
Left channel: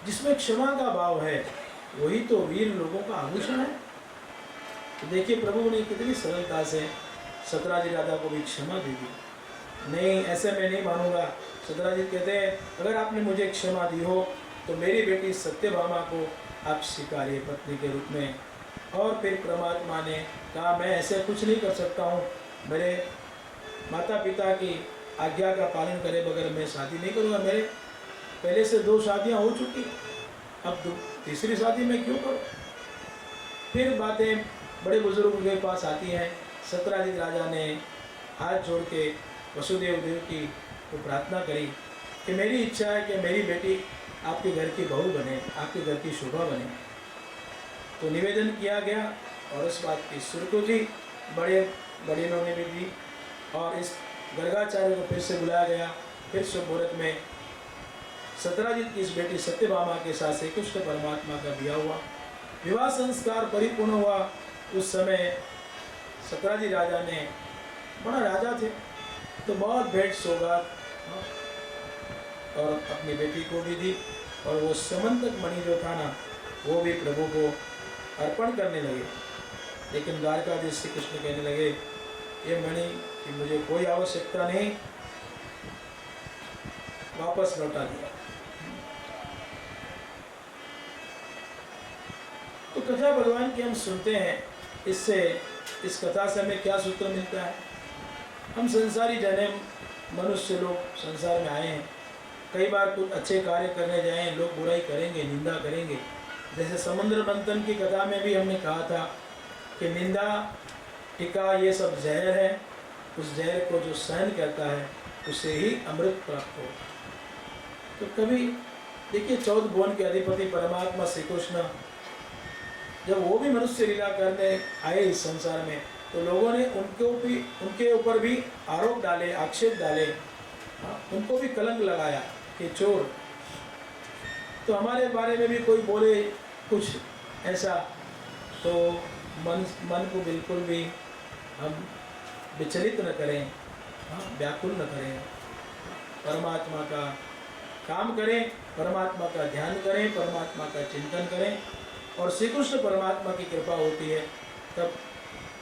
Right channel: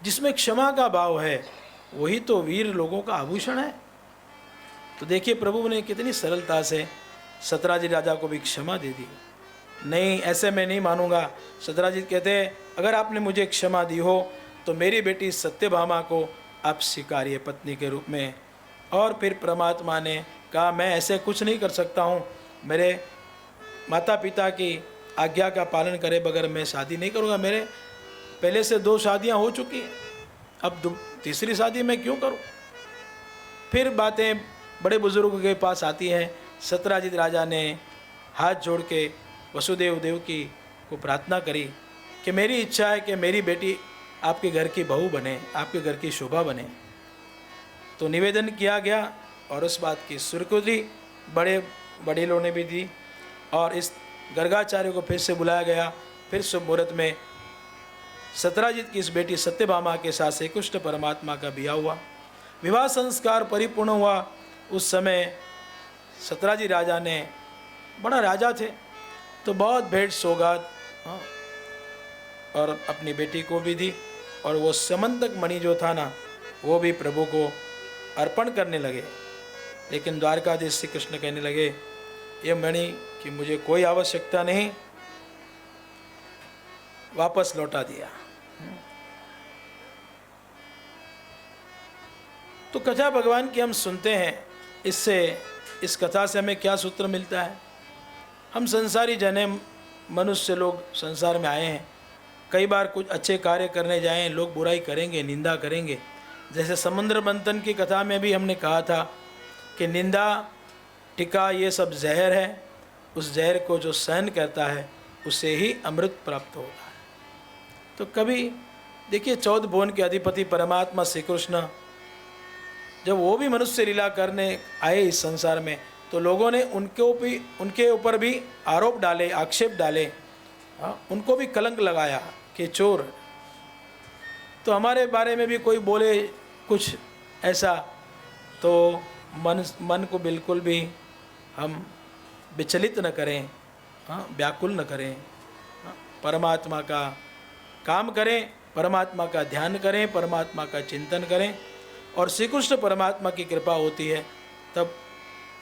जिसमें क्षमा का भाव है वही तो वीर लोगों का आभूषण है। तो देखिए प्रभु ने कितनी सरलता से सतराजीत राजा को भी क्षमा दे दी। नहीं, ऐसे मैं नहीं मानूंगा। सतराजीत कहते हैं अगर आपने मुझे क्षमा दी हो तो मेरी बेटी सत्यभामा को आप स्वीकारिए पत्नी के रूप में। और फिर परमात्मा ने कहा मैं ऐसे कुछ नहीं कर सकता हूँ, मेरे माता पिता की आज्ञा का पालन करे बगैर मैं शादी नहीं करूँगा। मेरे पहले से 2 शादियाँ हो चुकी हैं, अब तीसरी शादी मैं क्यों करूँ। फिर बातें बड़े बुजुर्गों के पास आती हैं। सतराजीत राजा ने हाथ जोड़ के वसुदेव देवकी को प्रार्थना करी कि मेरी इच्छा है कि मेरी बेटी आपके घर की बहू बने, आपके घर की शोभा बने। तो निवेदन किया गया और उस बात की स्वीकृति बड़े बड़ेलों ने भी दी और इस गर्गाचार्य को फिर से बुलाया गया। फिर शुभ मुहूर्त में सतराजीत की इस बेटी सत्यभामा के साथ श्री कृष्ण परमात्मा का ब्याह हुआ। विवाह संस्कार परिपूर्ण हुआ। उस समय सतराजीत राजा ने, बड़ा राजा थे, तो बहुत भेंट सौगात और अपनी बेटी को भी दी। और वो समंदक मणि जो था ना वो भी प्रभु को अर्पण करने लगे। लेकिन द्वारकाधीश श्री कृष्ण कहने लगे ये मणि की मुझे कोई आवश्यकता नहीं, वापस लौटा दिया। तो कथा भगवान की हम सुनते हैं, इससे इस कथा से हमें क्या सूत्र मिलता है। हम संसारी जने मनुष्य लोग संसार में आए हैं, कई बार कुछ अच्छे कार्य करने जाएं लोग बुराई करेंगे, निंदा करेंगे। जैसे समुद्र मंथन की कथा में भी हमने कहा था कि निंदा टीका ये सब जहर है, उस जहर को जो सहन करता है उसे ही अमृत प्राप्त होता है। तो कभी देखिए 14 भुवन के अधिपति परमात्मा श्री कृष्ण जब वो भी मनुष्य लीला करने आए इस संसार में, तो लोगों ने उनके ऊपर भी आरोप डाले, आक्षेप डाले, उनको भी कलंक लगाया कि चोर। तो हमारे बारे में भी कोई बोले कुछ ऐसा, तो मन को बिल्कुल भी हम विचलित न करें, हाँ, व्याकुल न करें। परमात्मा का काम करें, परमात्मा का ध्यान करें, परमात्मा का चिंतन करें, और श्री कृष्ण परमात्मा की कृपा होती है। तब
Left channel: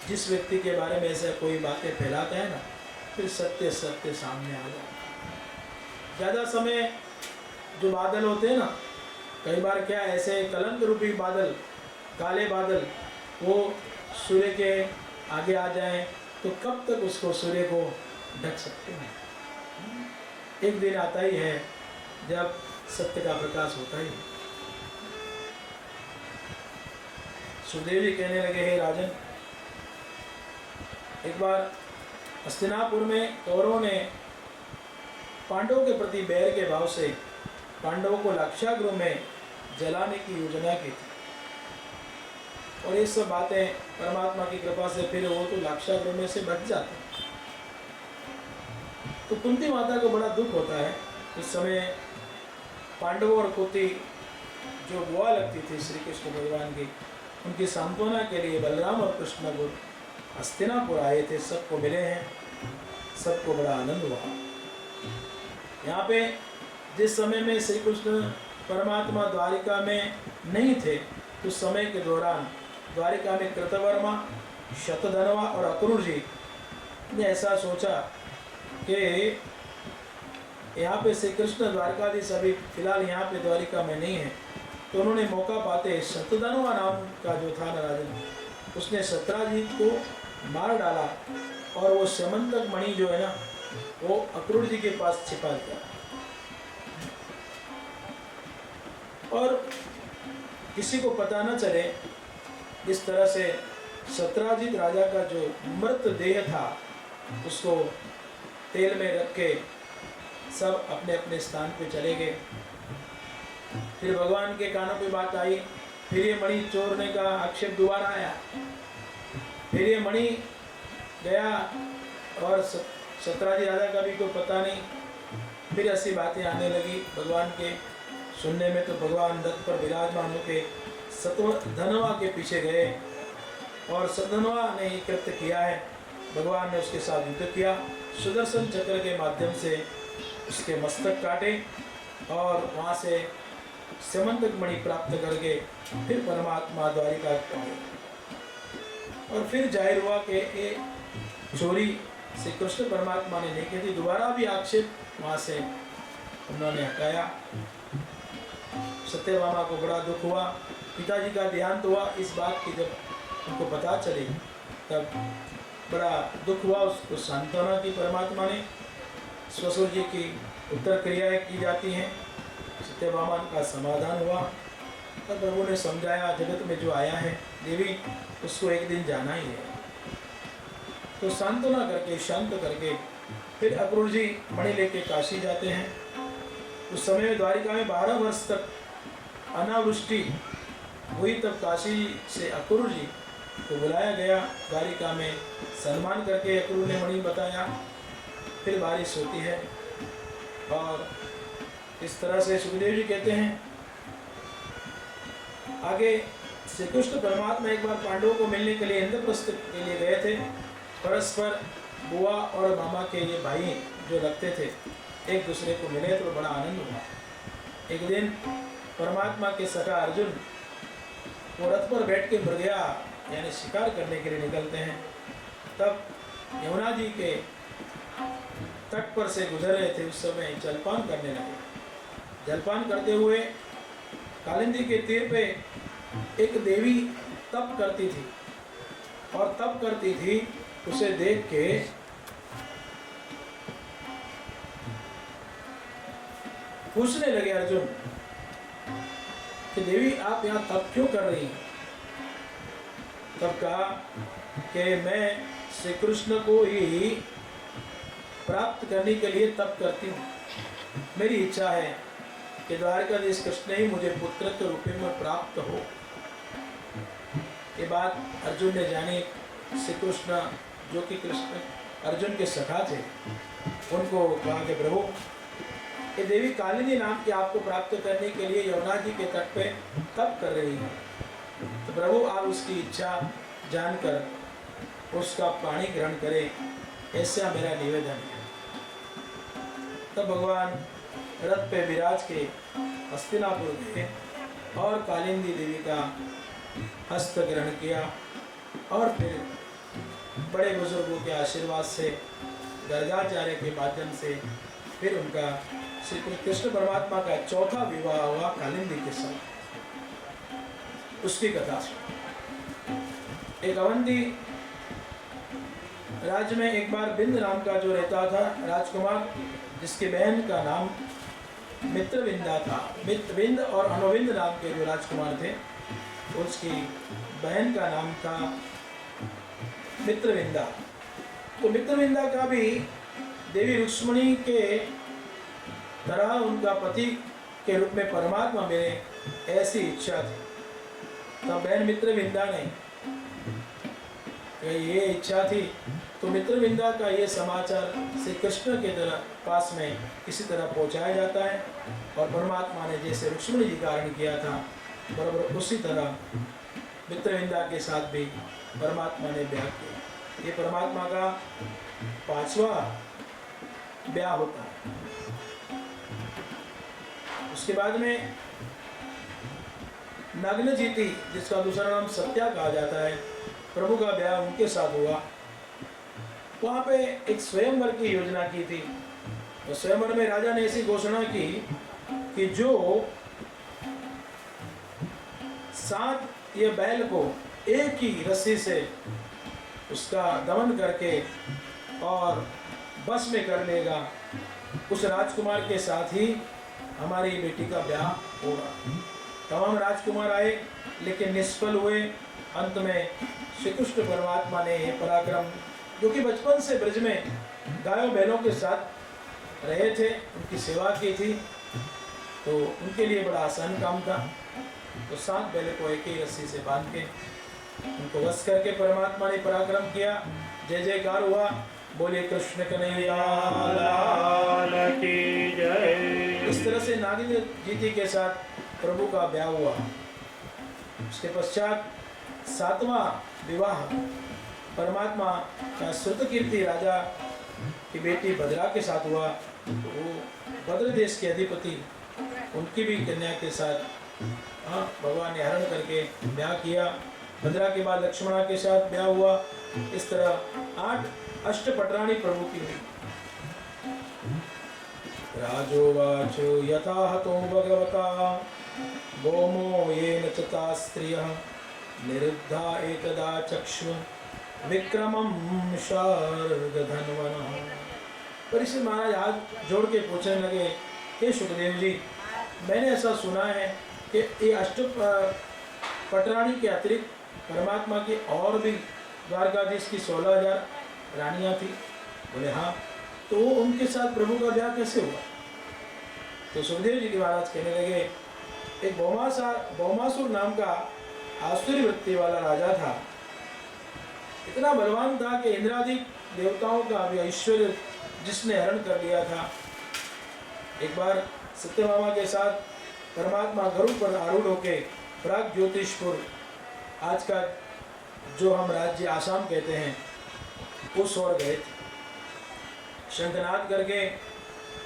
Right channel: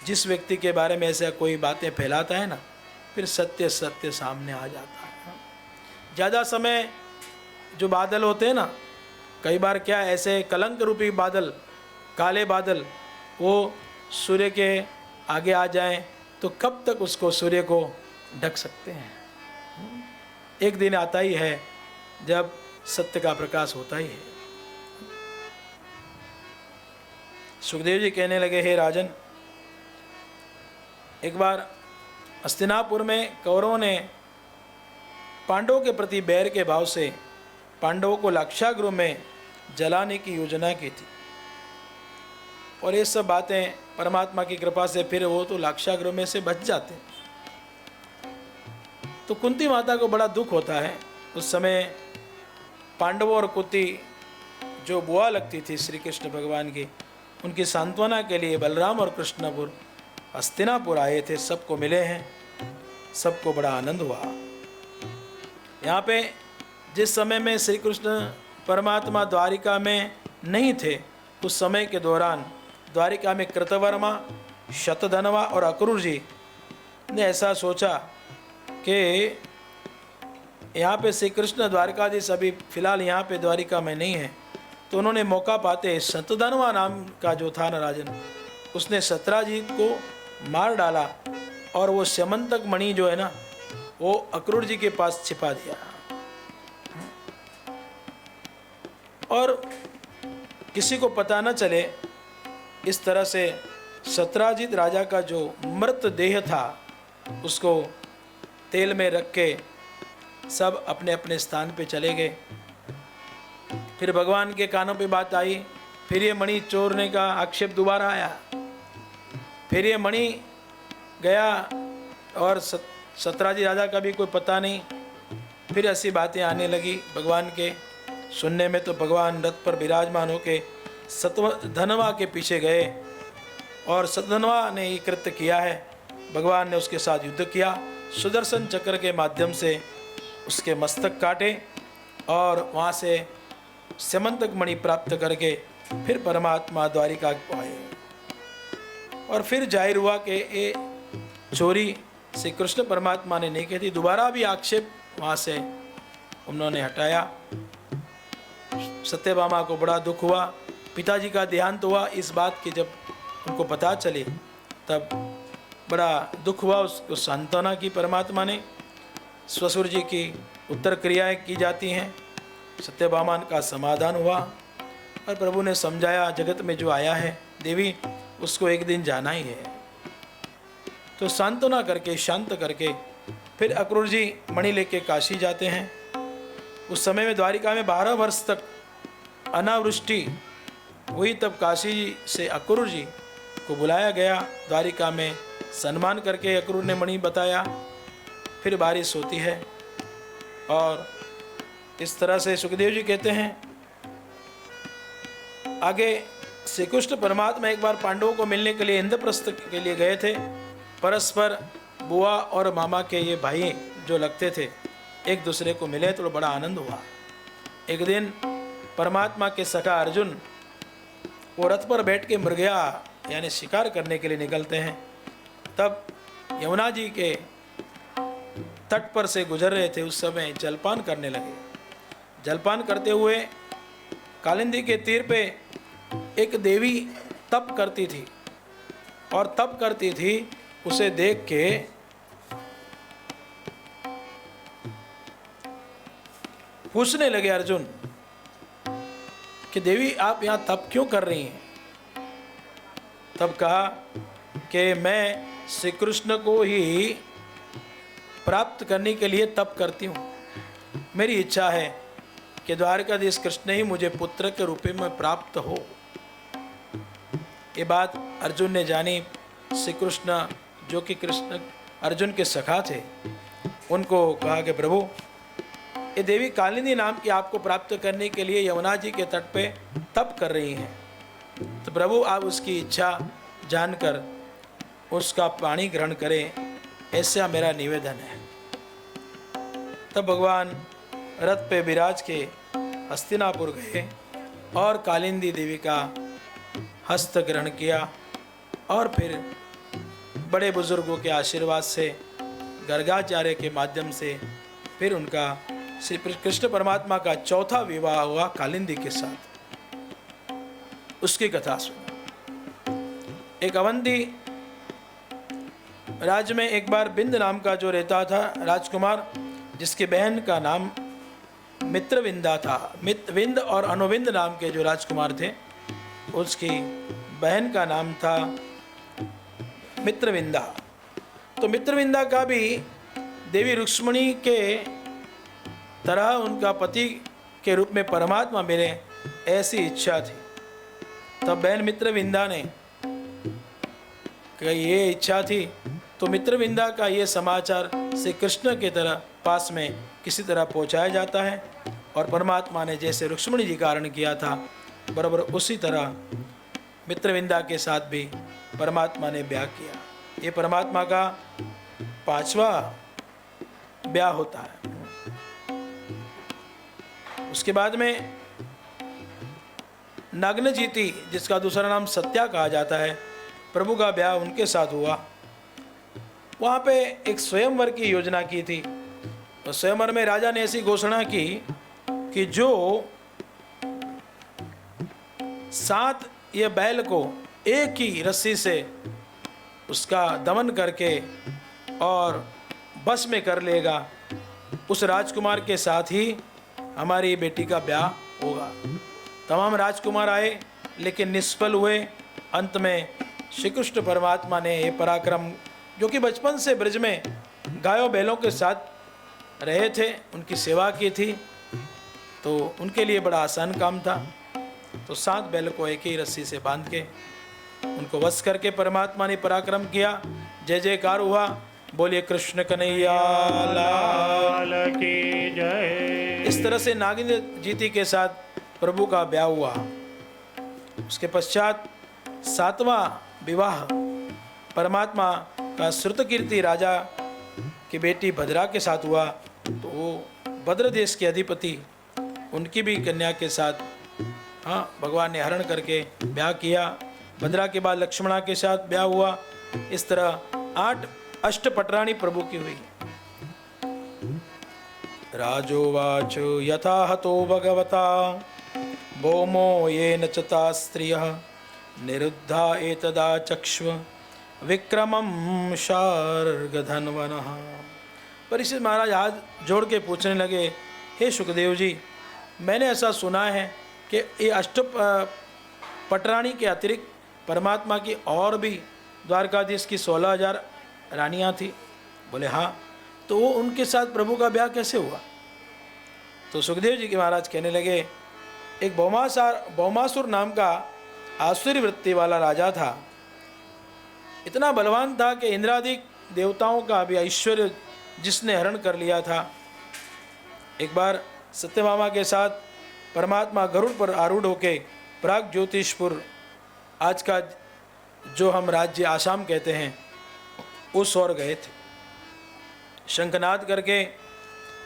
जिस व्यक्ति के बारे में ऐसे कोई बातें फैलाता है ना, फिर सत्य सत्य सामने आ जाता है। ज़्यादा समय जो बादल होते हैं ना, कई बार क्या ऐसे कलंक रूपी बादल, काले बादल, वो सूर्य के आगे आ जाएं तो कब तक उसको, सूर्य को ढक सकते हैं। एक दिन आता ही है जब सत्य का प्रकाश होता ही है। सुखदेव जी कहने लगे, हे राजन, एक बार हस्तिनापुर में कौरवों ने पांडवों के प्रति बैर के भाव से पांडवों को लाक्षागृह में जलाने की योजना की थी। और ये सब बातें परमात्मा की कृपा से फिर वो तो लाक्षागृह में से बच जाते। तो कुंती माता को बड़ा दुख होता है। उस समय पांडवों और कुंती जो बुआ लगती थी श्री कृष्ण भगवान की, उनकी सांत्वना के लिए बलराम और कृष्णपुर हस्तिनापुर आए थे। सबको मिले हैं, सबको बड़ा आनंद हुआ। यहाँ पे जिस समय में श्री कृष्ण परमात्मा द्वारिका में नहीं थे, उस समय के दौरान द्वारिका में कृतवर्मा, शतधनवा और अक्रूर जी ने ऐसा सोचा कि यहाँ पे श्री कृष्ण द्वारकाधीश अभी फिलहाल यहाँ पे द्वारिका में नहीं है। तो उन्होंने मौका पाते शतधनवा नाम का जो था ना राजन, उसने सत्राजीत को मार डाला और वो स्यमंतक मणि जो है ना, वो अक्रूर जी के पास छिपा दिया। और किसी को पता न चले, इस तरह से सत्राजीत राजा का जो मृत देह था उसको तेल में रख के सब अपने अपने स्थान पे चले गए। फिर भगवान के कानों पे बात आई, फिर ये मणि चोरने का आक्षेप दोबारा आया। फिर ये मणि गया और सत्राजीत राजा का भी कोई पता नहीं। फिर ऐसी बातें आने लगी भगवान के सुनने में। तो भगवान रथ पर विराजमान होके शतधनवा के पीछे गए और शतधनवा ने ये कृत्य किया है। भगवान ने उसके साथ युद्ध किया, सुदर्शन चक्र के माध्यम से उसके मस्तक काटे और वहाँ से स्यमंतक मणि प्राप्त करके फिर परमात्मा द्वारिका आए। और फिर जाहिर हुआ कि ये चोरी श्री कृष्ण परमात्मा ने नहीं की थी। दोबारा भी आक्षेप वहाँ से उन्होंने हटाया। सत्यभामा को बड़ा दुख हुआ, पिताजी का देहांत हुआ। इस बात की जब उनको पता चली तब बड़ा दुख हुआ। उसको सांत्वना की परमात्मा ने। ससुर जी की उत्तर क्रियाएं की जाती हैं, सत्यभामा का समाधान हुआ और प्रभु ने समझाया, जगत में जो आया है देवी उसको एक दिन जाना ही है। तो सांत्वना करके, शांत करके फिर अक्रूर जी मणि लेके काशी जाते हैं। उस समय में द्वारिका में 12 वर्ष तक अनावृष्टि हुई। तब काशी से अक्रूर जी को बुलाया गया, द्वारिका में सम्मान करके अक्रूर ने मणि बताया। फिर बारिश होती है और इस तरह से सुखदेव जी कहते हैं आगे श्री कृष्ण परमात्मा एक बार पांडवों को मिलने के लिए इंद्रप्रस्थ के लिए गए थे। परस्पर बुआ और मामा के ये भाई जो लगते थे एक दूसरे को मिले तो बड़ा आनंद हुआ। एक दिन परमात्मा के सखा अर्जुन वो रथ पर बैठ के मृगया यानी शिकार करने के लिए निकलते हैं। तब यमुना जी के तट पर से गुजर रहे थे। उस समय जलपान करने लगे। जलपान करते हुए कालिंदी के तीर पे एक देवी तप करती थी और तप करती थी। उसे देख के पूछने लगे अर्जुन कि देवी आप यहाँ तप क्यों कर रही हैं। तब कहा कि मैं श्री कृष्ण को ही प्राप्त करने के लिए तप करती हूँ। मेरी इच्छा है कि द्वारकाधीश कृष्ण ही मुझे पुत्र के रूप में प्राप्त हो। ये बात अर्जुन ने जानी। श्री कृष्ण जो कि कृष्ण अर्जुन के सखा थे, उनको कहा कि प्रभु ये देवी कालिंदी नाम की आपको प्राप्त करने के लिए यमुना जी के तट पे तप कर रही हैं। तो प्रभु आप उसकी इच्छा जानकर उसका पानी ग्रहण करें, ऐसा मेरा निवेदन है। तब भगवान रथ पे विराज के हस्तिनापुर गए और कालिंदी देवी का हस्त ग्रहण किया और फिर बड़े बुजुर्गों के आशीर्वाद से गर्गाचार्य के माध्यम से फिर उनका श्री कृष्ण परमात्मा का चौथा विवाह हुआ कालिंदी के साथ। उसकी कथा सुनो। एक अवंती राज्य में एक बार बिंद नाम का जो रहता था राजकुमार, जिसकी बहन का नाम मित्रविंदा था। मित्रविंद और अनुविंद नाम के जो राजकुमार थे, उसकी बहन का नाम था मित्रविंदा। तो मित्रविंदा का भी देवी रुक्मिणी के तरह उनका पति के रूप में परमात्मा मिले, ऐसी इच्छा थी। तब बहन मित्रविंदा ने ये इच्छा थी, तो मित्रविंदा का ये समाचार श्री कृष्ण की तरह पास में किसी तरह पहुंचाया जाता है और परमात्मा ने जैसे रुक्मिणी जी का हरण किया था, बराबर उसी तरह मित्रविंदा के साथ भी परमात्मा ने ब्याह किया। ये परमात्मा का 5वां ब्याह होता है। उसके बाद में नग्नजीति, जिसका दूसरा नाम सत्या कहा जाता है, प्रभु का ब्याह उनके साथ हुआ। वहाँ पे एक स्वयंवर की योजना की थी। तो स्वयंवर में राजा ने ऐसी घोषणा की कि जो 7 ये बैल को एक ही रस्सी से उसका दमन करके और बस में कर लेगा, उस राजकुमार के साथ ही हमारी बेटी का ब्याह होगा। तमाम राजकुमार आए लेकिन निष्फल हुए। अंत में श्री कृष्ण परमात्मा ने ये पराक्रम, जो कि बचपन से ब्रज में गायों बैलों के साथ रहे थे, उनकी सेवा की थी, तो उनके लिए बड़ा आसान काम था। तो 7 बैल को एक ही रस्सी से बांध के उनको वश करके परमात्मा ने पराक्रम किया। जय जयकार हुआ, बोलिए कृष्ण कन्हैया लाल की जय। इस तरह से नागिन जीती के साथ प्रभु का ब्याह हुआ। उसके पश्चात 7वां विवाह परमात्मा का श्रुतकीर्ति राजा की बेटी भद्रा के साथ हुआ। तो वो भद्र देश के अधिपति, उनकी भी कन्या के साथ भगवान ने हरण करके ब्याह किया। भद्रा के बाद लक्ष्मणा के साथ ब्याह हुआ। इस तरह 8 अष्टपटराणी प्रभु की हुई। राजोवाच यथा हतो भगवता भौमो येन चता स्त्रियः निरुद्धा एतदा चक्ष्व विक्रमं शार्गधन्वनः। परीक्षित महाराज हाथ जोड़ के पूछने लगे, हे सुखदेव जी, मैंने ऐसा सुना है कि ये अष्टपटराणी के अतिरिक्त परमात्मा की और भी द्वारकाधीश की 16,000 रानियाँ थी। बोले हाँ, तो वो उनके साथ प्रभु का ब्याह कैसे हुआ? तो सुखदेव जी के महाराज कहने लगे, एक भौमासुर नाम का आसुरी वृत्ति वाला राजा था। इतना बलवान था कि इंद्रादिक देवताओं का भी ऐश्वर्य जिसने हरण कर लिया था। एक बार सत्यभामा के साथ परमात्मा गरुड़ पर आरूढ़ होके प्राग ज्योतिषपुर, आज का जो हम राज्य आसाम कहते हैं, उस ओर गए थे। शंखनाद करके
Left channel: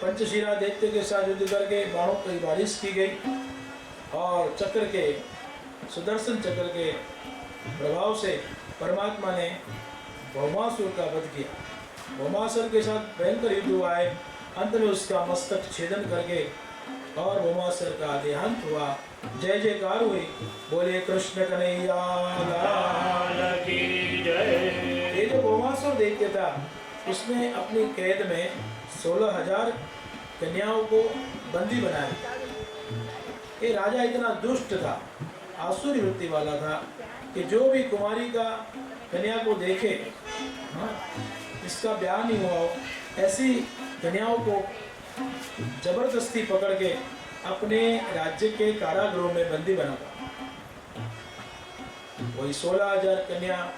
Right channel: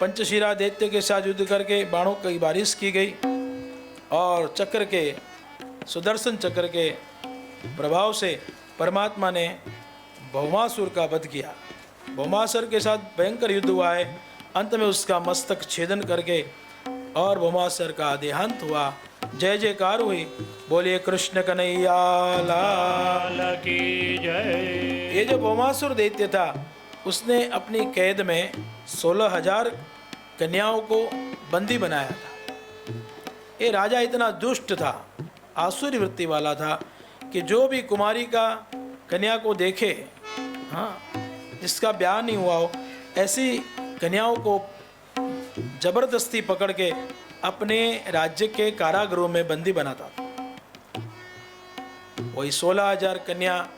पंचशिरा दैत्य के साथ युद्ध करके बाणों की बारिश की गई और चक्र के, सुदर्शन चक्र के प्रभाव से परमात्मा ने भौमासुर का वध किया। भौमासुर के साथ भयंकर युद्ध हुआ है। अंत में उसका मस्तक छेदन करके और भौमासुर का देहांत हुआ। जय जयकार हुई, बोलिए कृष्ण कन्हैया लाल की जय। ये जो भौमासुर दैत्य था, उसने अपनी कैद में 16,000 कन्याओं को बंदी बनाया। ये राजा इतना दुष्ट था, आसुरी वृत्ति वाला था कि जो भी कुमारी का कन्या को देखे, जिसका ब्याह नहीं हुआ हो, ऐसी कन्याओं को जबरदस्ती पकड़ के अपने राज्य के कारागृहों में बंदी बनाता। वही 16,000 कन्या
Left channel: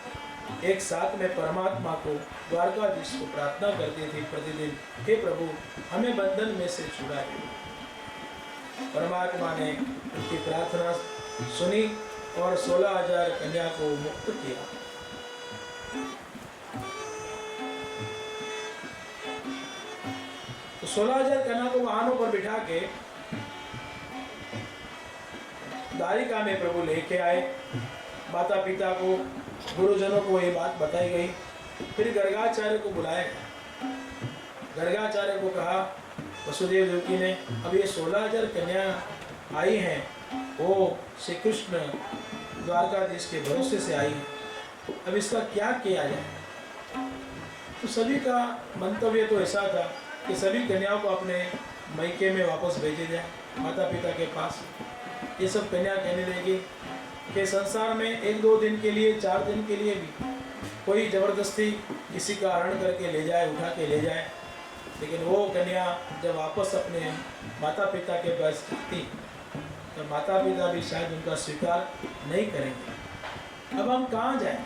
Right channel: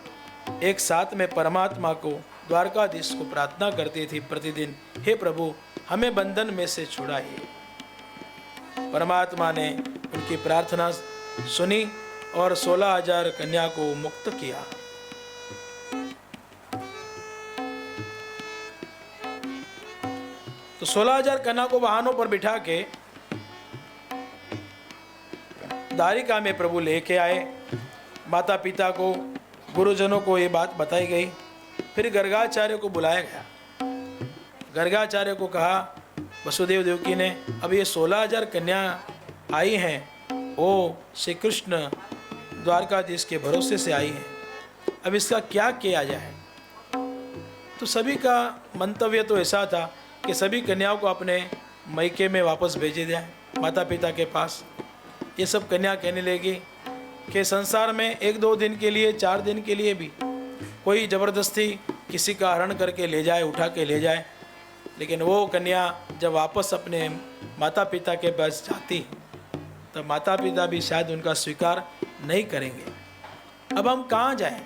एक साथ में परमात्मा को, द्वारकाधीश को प्रार्थना करती थी प्रतिदिन, हे प्रभु हमें बंधन में से छुड़ाइए। परमात्मा ने उनकी प्रार्थना सुनी और 16,000 कन्या को मुक्त किया। तो 16,000 कन्या को वाहनों पर बिठा के द्वारिका में प्रभु लेके आए। माता पिता को, गुरुजनों को ये बात बताई गई। फिर गर्गाचार्य को बुलाया गया। गर्गाचार्य को कहा, वसुदेव देवकी ने, अब ये 16,000 कन्या आई हैं, वो श्री कृष्ण द्वारकाधीश के भरोसे से आई है, अब इसका क्या किया जाए। तो सभी का मंतव्य तो ऐसा था कि सभी कन्याओं को अपने मैके में वापस भेजे जाए, माता पिता के पास। ये सब कन्या कहने लगी कि संसार में 1-2 दिन के लिए, 4 दिन के लिए भी कोई ज़बरदस्ती किसी का हरण करके ले जाए, उठा के ले जाए, लेकिन वो कन्या जब वापस अपने माता पिता के पास जाती तो माता पिता भी शायद उनका स्वीकार नहीं करेंगे। अब हम कहाँ जाएं?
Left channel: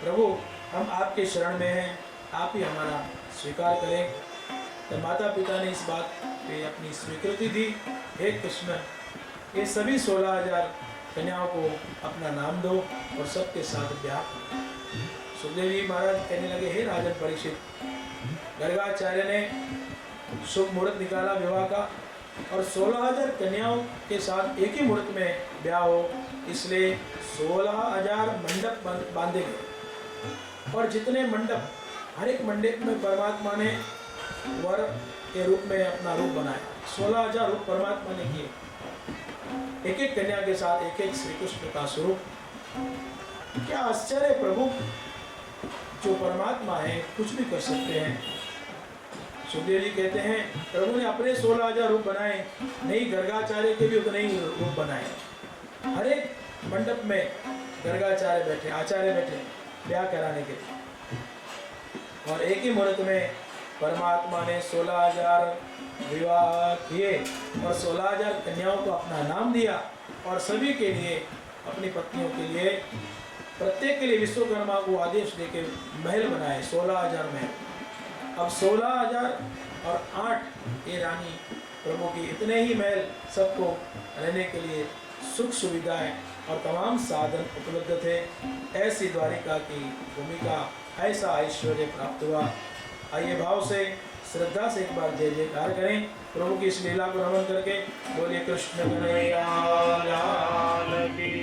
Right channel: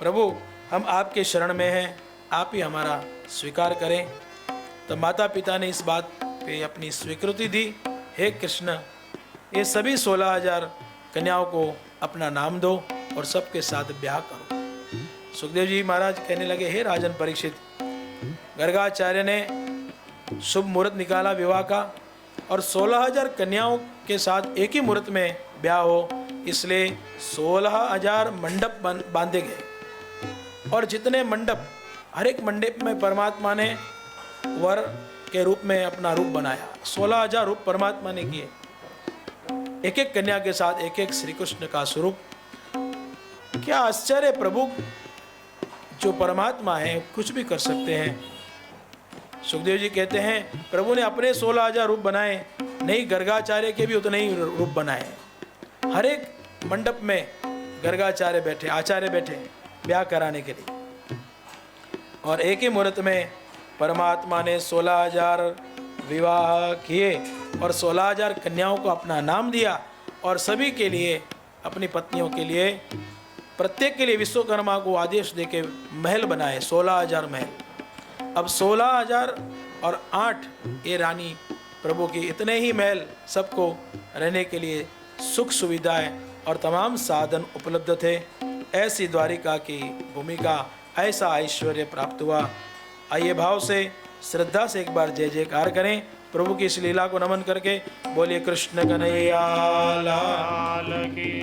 प्रभु, हम आपके शरण में हैं, आप ही हमारा स्वीकार करें। तो माता पिता ने इस बात पे अपनी स्वीकृति दी, हे कृष्ण, ये सभी 16,000 कन्याओं को अपना नाम दो और सबके साथ ब्याह करो। सुखदेव जी महाराज कहने लगे, हे राजन परीक्षित, गर्गाचार्य ने शुभ मुहूर्त निकाला विवाह का, और 16,000 कन्याओं के साथ एक ही मुहूर्त में ब्याह हो, इसलिए 16,000 मंडप बांधे गए। और जितने मंडप, हर एक मंडप में परमात्मा ने वर के रूप में अपना रूप बनाया। 16,000 रूप परमात्मा ने किए, एक एक कन्या के साथ एक एक श्री कृष्ण का स्वरूप। क्या आश्चर्य प्रभु, जो परमात्मा है कुछ भी कर सकते हैं। सुखदेव जी कहते हैं, प्रभु ने अपने 16,000 रूप बनाए, नहीं गर्गाचार्य के भी उतने ही रूप बनाए। हर एक मंडप में गर्गाचार्य बैठे, आचार्य बैठे ब्याह कराने के लिए, और एक ही मुहूर्त में परमात्मा ने 16,000 विवाह किए और 16,000 कन्याओं को अपना नाम दिया, और सभी के लिए, अपनी पत्नियों के लिए, प्रत्येक के लिए विश्वकर्मा को आदेश देके महल बनाए, 16,000 महल। अब 16,000 और 8 ये रानी प्रभु की, इतने ही महल सबको रहने के लिए सुख सुविधाएं और तमाम साधन उपलब्ध थे। ऐसी द्वारिका की भूमि का ऐसा ऐश्वर्य प्राप्त हुआ। आइए भाव से, श्रद्धा से एक बार जय जयकार करें प्रभु की इस लीला को नमन करके। बोलिए कृष्ण कन्हैया लाल की।